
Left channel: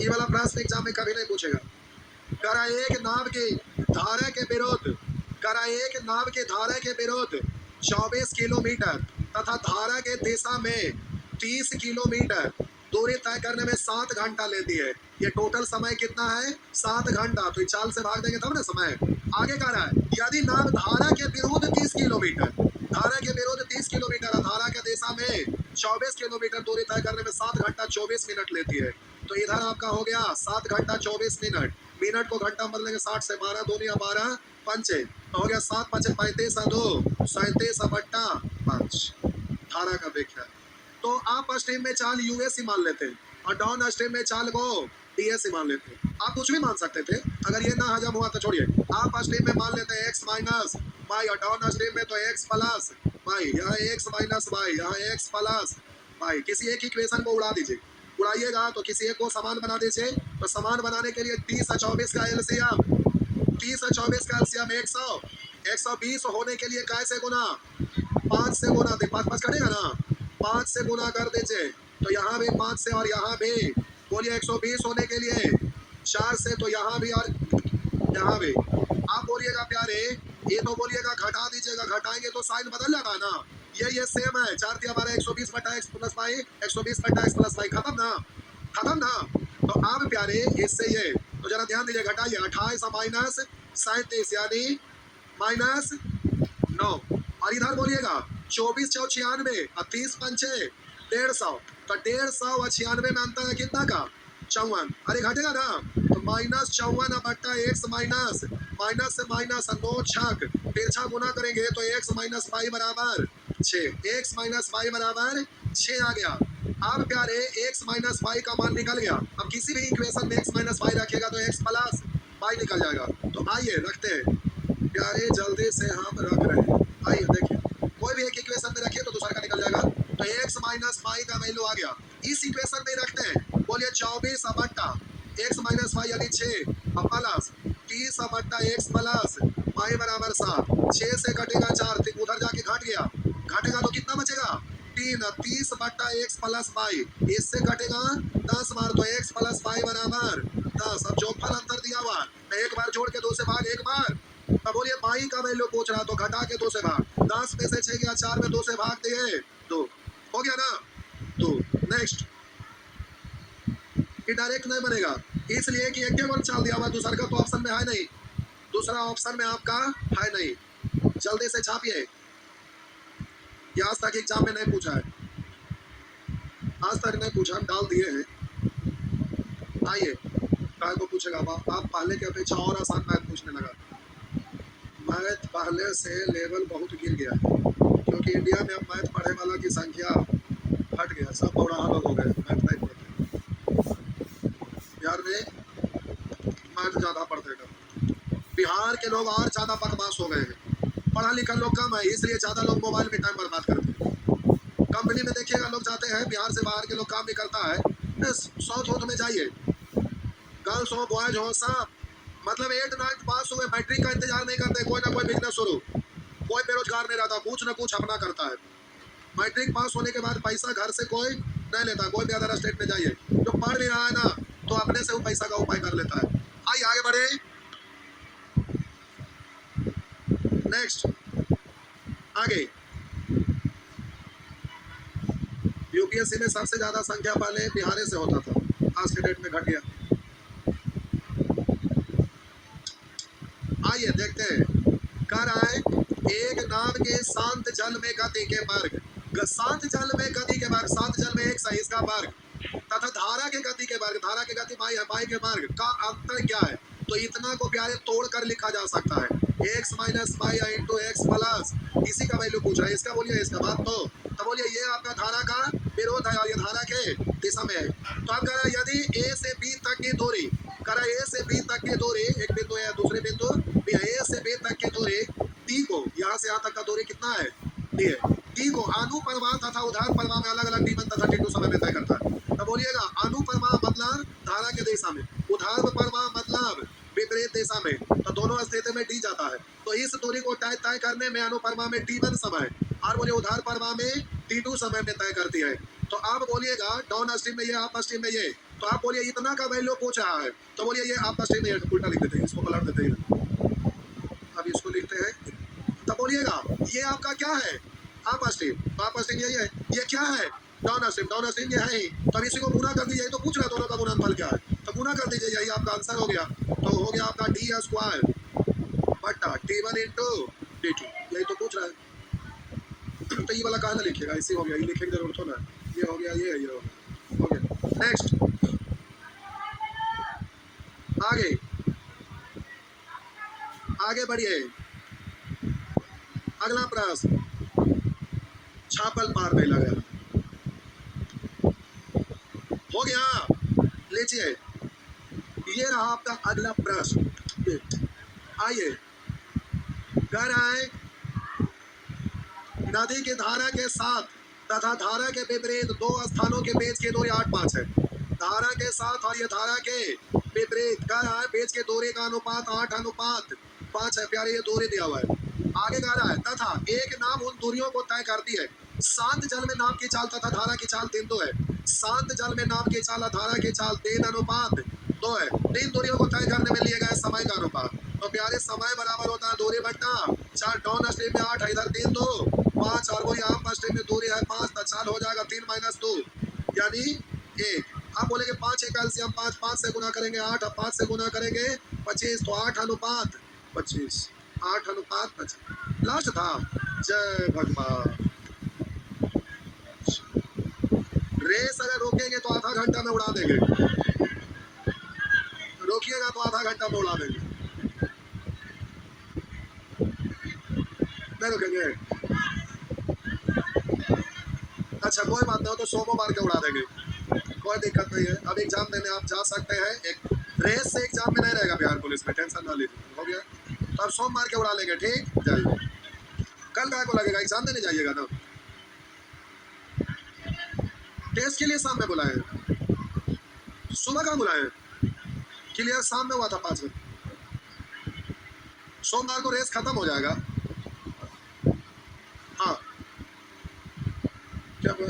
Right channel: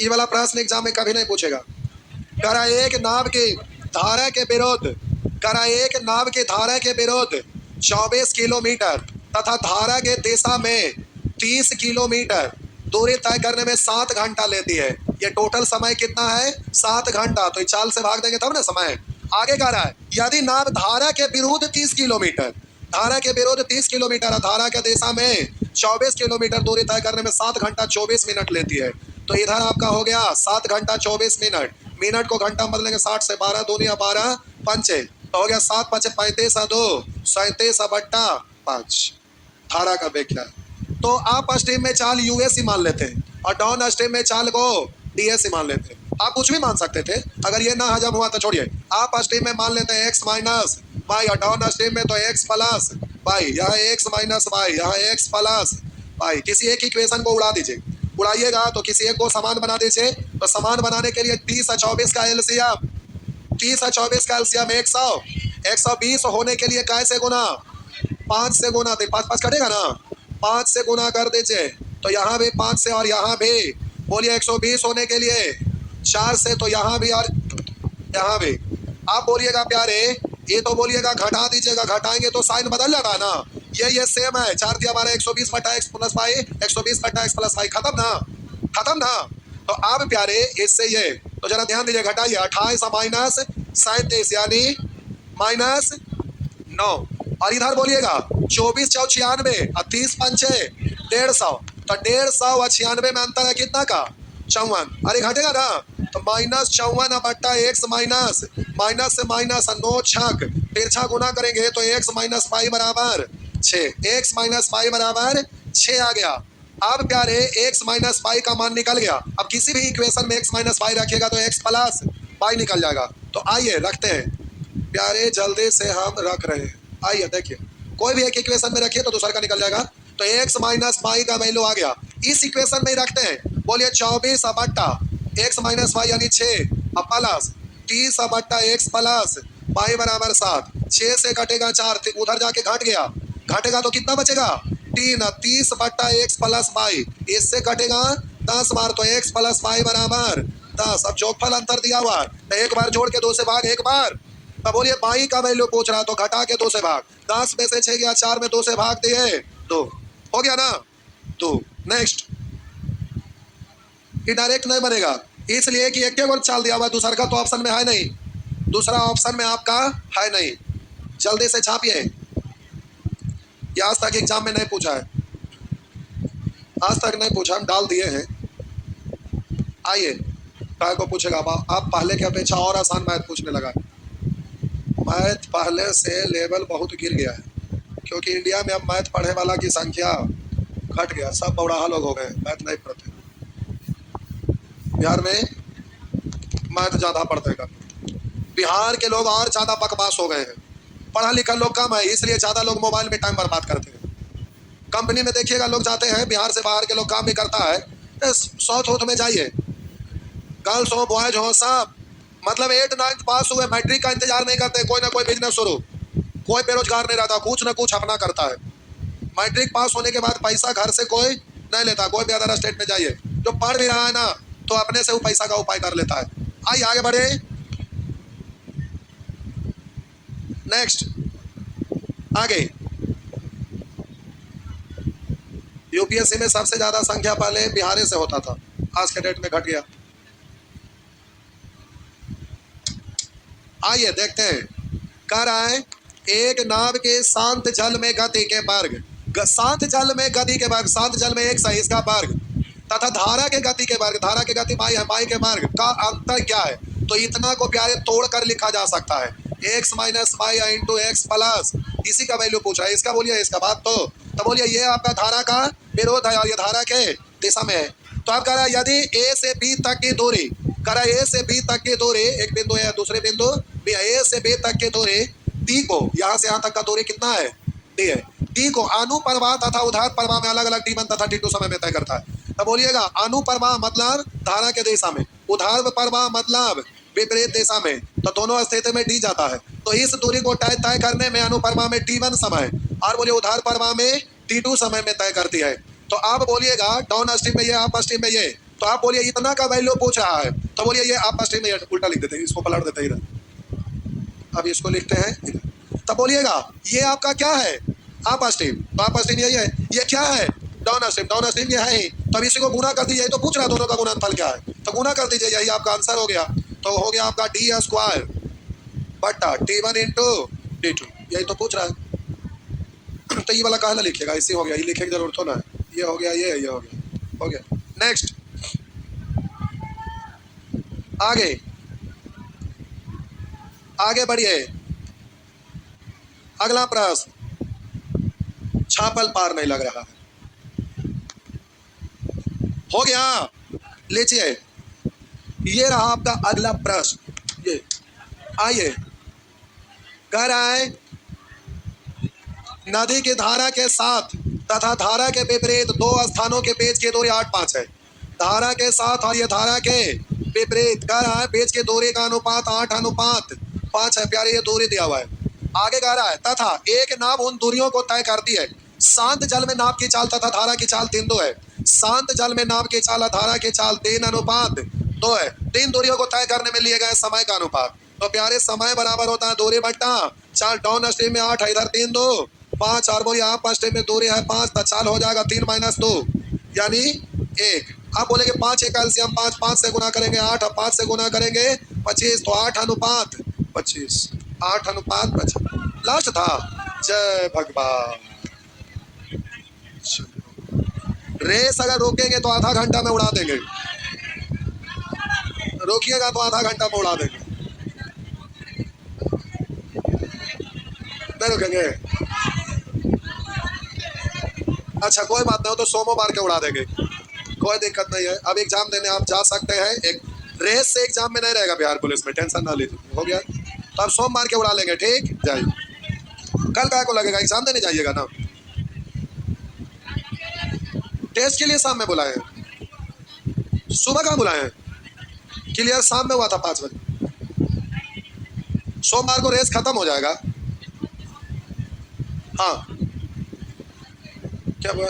ये वाला प्रश्न एग्जाम में कभी नहीं पूछेगा। कह रहा है एक नाव की धारा के विरुद्ध, कह रहा है एक नाव की धारा के विरुद्ध 24 किलोमीटर तथा धारा के दिशा में 30 किलोमीटर दूरी तय करने में 7 घंटा लेती है। ये टोटल समय कितना है, 7 घंटा। तो चाल से भाग देंगे तब ना समय। आगे कह रहा है यदि नाव धारा के विरुद्ध 30 किलोमीटर, धारा के विरुद्ध 30 किलोमीटर, धारा के दिशा में 24 किलोमीटर दूरी तय करने में 7 घंटा 24 मिनट लेती है। तो इधर आपका हो गया 7 घंटा 24 मिनट, मिनट को घंटा बदलेंगे 60 से, 12 दूनिया 12 पंचे, तो हो गया 7 पचे 35 2 37 बट्टा 5। धारा का वेग क्या है? तो आप स्ट्रीम में चाल यूएस ही मान लेते हैं और डाउन स्ट्रीम में चाल को डीएस ही मान लेते हैं। आप कुछ भी मान सकते थे, अगर ये ना हजम हुआ तो छोड़िए। आप स्ट्रीम में मान लेते हैं एक्स माइनस वाई और डाउन स्ट्रीम में तो एक्स प्लस वाई, यहाँ एक्स माइनस वाई, यहाँ एक्स प्लस वाई। किसी एक इक्वेशन को उड़ा दीजिए, उड़ाइएगा तो किसी एक को समान बना दीजिए। तो समान बनाने के लिए 30 और 24 का एलसीएम, 30 और 24 का एलसीएम 100, 120 होने के लिए कैसे गुना? 5 से गुना, 5 5 कटेगा ना, 5 से गुना कर दीजिए। तो यहाँ भी 5 से और यहाँ भी, बोलिए 120 होने के लिए 4 से, तो यहाँ भी और यहाँ भी। आप बोलिएगा प्यारे, ये तो बोलिएगा घटा दीजिएगा, घटाएंगे तो साइन बदल जाएगा ना। ये सेम है, 4 दिया हमारा 120 बटा एक्स प्लस वाई, 120 बटा एक्स प्लस वाई, खत्म ना, खत्म ना। तो आप प्यारे इससे ये, तो जरा ध्यान दीजिए, घटाइए 28 माइनस 37 यानी माइनस 9। और इधर बोलिएगा 24 चौ 96 और 30 पंचे 150, तो 150 और 96 में अंतर है कितना का? 54। अरे घटेगा ना, तो माइनस 54 बट्टा एक्स माइनस, माइनस से माइनस 9 छक, तिरछा गुना करेंगे तो एक्स माइनस पाई बराबर 6, एक्स माइनस पाई बराबर 6 आ गया। अब प्यारे एक्स माइनस पाई का मान निकल गया। अब किसी भी इक्वेशन में एक्स माइनस पाई रखिएगा तो एक्स प्लस पाई निकल जाएगा। तो आइए रखते हैं प्यारे, जल्दी से हम रख रहे हैं। आइए देखिए, कोई भी एक इक्वेशन में रखिए तो दूसरा का निकल जाएगा। तो एक्स माइनस पाई का वैल्यू आ गया, इस इक्वेशन में ही रखते हैं। बोलिए 24 बट्टा एक्स माइनस वाई यानी 6 और प्लस 30 बट्टा एक्स प्लस पाई बराबर 7। 6 से कटेगा 4, उधर जाके घट गया, घटेगा तो कितना बचेगा? 3। 30 बट्टा एक्स प्लस वाई, इससे कटेगा 10 बार, तो एक्स प्लस वाई बराबर 10। अब जोगफल अंतर दिया हुआ, तो एक बार जोड़ के 2 से भाग, एक बार। तो बोलिए पाई का वैल्यू पूछ रहा, तो घटा के 2 से भाग, 10 में से 6 गया, 4 में 2 से भाग दिए 2, हो गया ना। तो नेक्स्ट, ये डायरेक्ट नहीं बनेगा, इसलिए कि एक केवल चाल दिया हुआ, दूसरा का तो ऑप्शन में है नहीं, दूसरा ऑप्शन में आपका है नहीं। जल्दी से छापिए, ये आज तक एग्जाम में नहीं पूछा है, आज तक नहीं पूछा, हम डाल दिए हैं। आइए काय को पूछेगा, आप पहले की अपेक्षा और आसान मैथ पूछने लगा। मैथ पहले से लेवल बहुत गिर गया है, क्योंकि इंडिया में अब मैथ पढ़ने वाला की संख्या घट गया, सब बौड़ाहा लोग हो गए, मैथ नहीं पढ़ते। बिहार में मैथ ज़्यादा पढ़ते का, बिहार के लोग और ज़्यादा बकवास हो गए हैं, पढ़ा लिखा लोग कम है, इसलिए ज़्यादा लोग मोबाइल में टाइम बर्बाद करते हैं। कंपनी में देखिएगा लोग जाते हैं, बिहार से बाहर के लोग काम भी करता है, साउथ उथ में जाइए, गर्ल्स हो बॉयज हो सब, मतलब 8 9 पास हुए, मैट्रिक का इंतजार नहीं करते, कोई ना कोई बिजनेस शुरू, कोई बेरोजगार नहीं रहता, कुछ ना कुछ अपना करता है। मैट्रिक पास होने के बाद पैसा घर से कोई नहीं लेता, कोई भी अदर स्टेट में जाइए, जो पढ़ भी रहा है ना तो अपने से वो पैसा का उपाय कर लेता है। आइए आगे बढ़े, नेक्स्ट आगे। यूपीएससी में सबसे ज्यादा संख्या पहले बिहार से होता था, आज के डेट में घट गया। आइए देखते हैं, कह रहा है एक नाव के शांत जल में गति के वर्ग, शांत जल में गति के वर्ग, शांत जल में एक सही इसका वर्ग, तथा धारा के गति के वर्ग, धारा के गति पाई है, पाई के वर्ग का अंतर क्या है? तो इतना को प्यारे तोड़ कर लिखा जा सकता है, x minus y into x plus, इसी का वैल्यू पूछा है, इसका बोलिए, इसका बात तो बोलिए ये आपका धारा का विरोध है और ये धारा के दिशा में है। तो आप कह रहा है यदि ए से बी तक की दूरी, कह रहा है ए से बी तक की दूरी, एक बिंदु है दूसरे बिंदु बी है, ए से बी तक की दूरी डी को, यहाँ से यहाँ तक का दूरी कितना है? डी है। डी को अनुप्रवाह तथा उधार प्रवाह में अलग अलग डी1 तथा डी2 समय में तय करता है। तो बोलिएगा अनुप्रवाह मतलब धारा के दिशा में, उधार प्रवाह मतलब विपरीत दिशा में, तो दोनों स्थिति में डी जाता है। तो इस दूरी को तय करने में अनुप्रवाह में डी1 समय और बोलिए उधार प्रवाह में डी2 समय में तय करती है। तो आप बोलिएगा डाउन स्ट्रीम में ये, अप स्ट्रीम में ये, तो आप बोलिए इतना का वैल्यू पूछ रहा है, तो बोलिए ये अप स्ट्रीम में, उल्टा लिख देते हैं, इसको पलट देते हैं इधर, अब इसको लिखते हैं इधर। तब बोलिएगा ये आपका क्या है? अप स्ट्रीम, तो अप स्ट्रीम यही है, ये क्या है? डाउन स्ट्रीम, डाउन स्ट्रीम ये है ही। तो अब इसी को गुना कर दीजिए, तो पूछ रहा है दोनों का गुणनफल क्या है, तो गुना कर दीजिए, यही आपका आंसर हो गया। तो हो गया आपका डी स्क्वायर बट्टा टी1 इंटू डी2, यही तो पूछ रहा है। तो ये वाला कहा ना लिखेगा, इसे हो गया, ये लिखे की जरूरत हो ना, ये हो गया, ये हो गया, हो गया। नेक्स्ट, आगे आगे बढ़िए। अगला प्रश्न, छापल पार नहीं लग रहा है। हो गया, लीजिए, ये रहा आपका अगला प्रश्न। ये आइए, कह रहा है नदी की धारा के साथ तथा धारा के विपरीत दो स्थानों के बीच की दूरी 8-5 है। धारा के साथ और ये धारा के विपरीत कह रहा है बीच की दूरी का अनुपात 8:5 है। प्यारे, ये दूरी दिया हुआ है। आगे कह रहा है तथा एक नाव उन दूरियों को तय करती है। शांत जल में नाव की चाल तथा धारा की चाल 3:2 है। शांत जल में नाव की चाल और धारा की चाल 3:2 है। 3 दूरियों को तय करने में लिए गए समय का अनुपात। तो प्यारे, समय बराबर होता है दूरी बट्टा चाल। डाउन स्ट्रीम में 8 है, इधर 3 2 5, और वो यहाँ अप स्ट्रीम में दूरी है 5, तो चाल हो जाएगा 3 - 2 यानी 1। आप बोलेंगे 5 एक एलसीएम 5, 5 से गुना करेंगे 8 और 5 से गुना करेंगे 25, तो 8:25, 8:25 लास्ट था। जय भगवान। रेस अगर रोकेंगे तो आधा घंटा में उड़ा देंगे, रोकिएगा तो आधा घंटा में उड़ा देंगे। नहीं रुकेंगे, अच्छा कोई बात नहीं हो तो सोमो मार के उड़ा देंगे, कोई दिक्कत नहीं है। अब एग्जाम देने आप जा सकते हैं। एक रेस से एग्जाम में नहीं रहेगा बिहार पुलिस में, टेंशन ना लीजिए। हो गया, तो आप सोम मार के उड़ा लेंगे। ठीक, जाइए। कल काय को लगेगा, एग्जाम देने जाइएगा ना। टेस्ट के लिए शाम में बुलाए हैं, सुबह कहाँ बुलाए हैं? क्लियर शाम में हुआ था 5 बजे। सोमवार को रेस खत्म हो जाएगा। हाँ, क्या हुआ?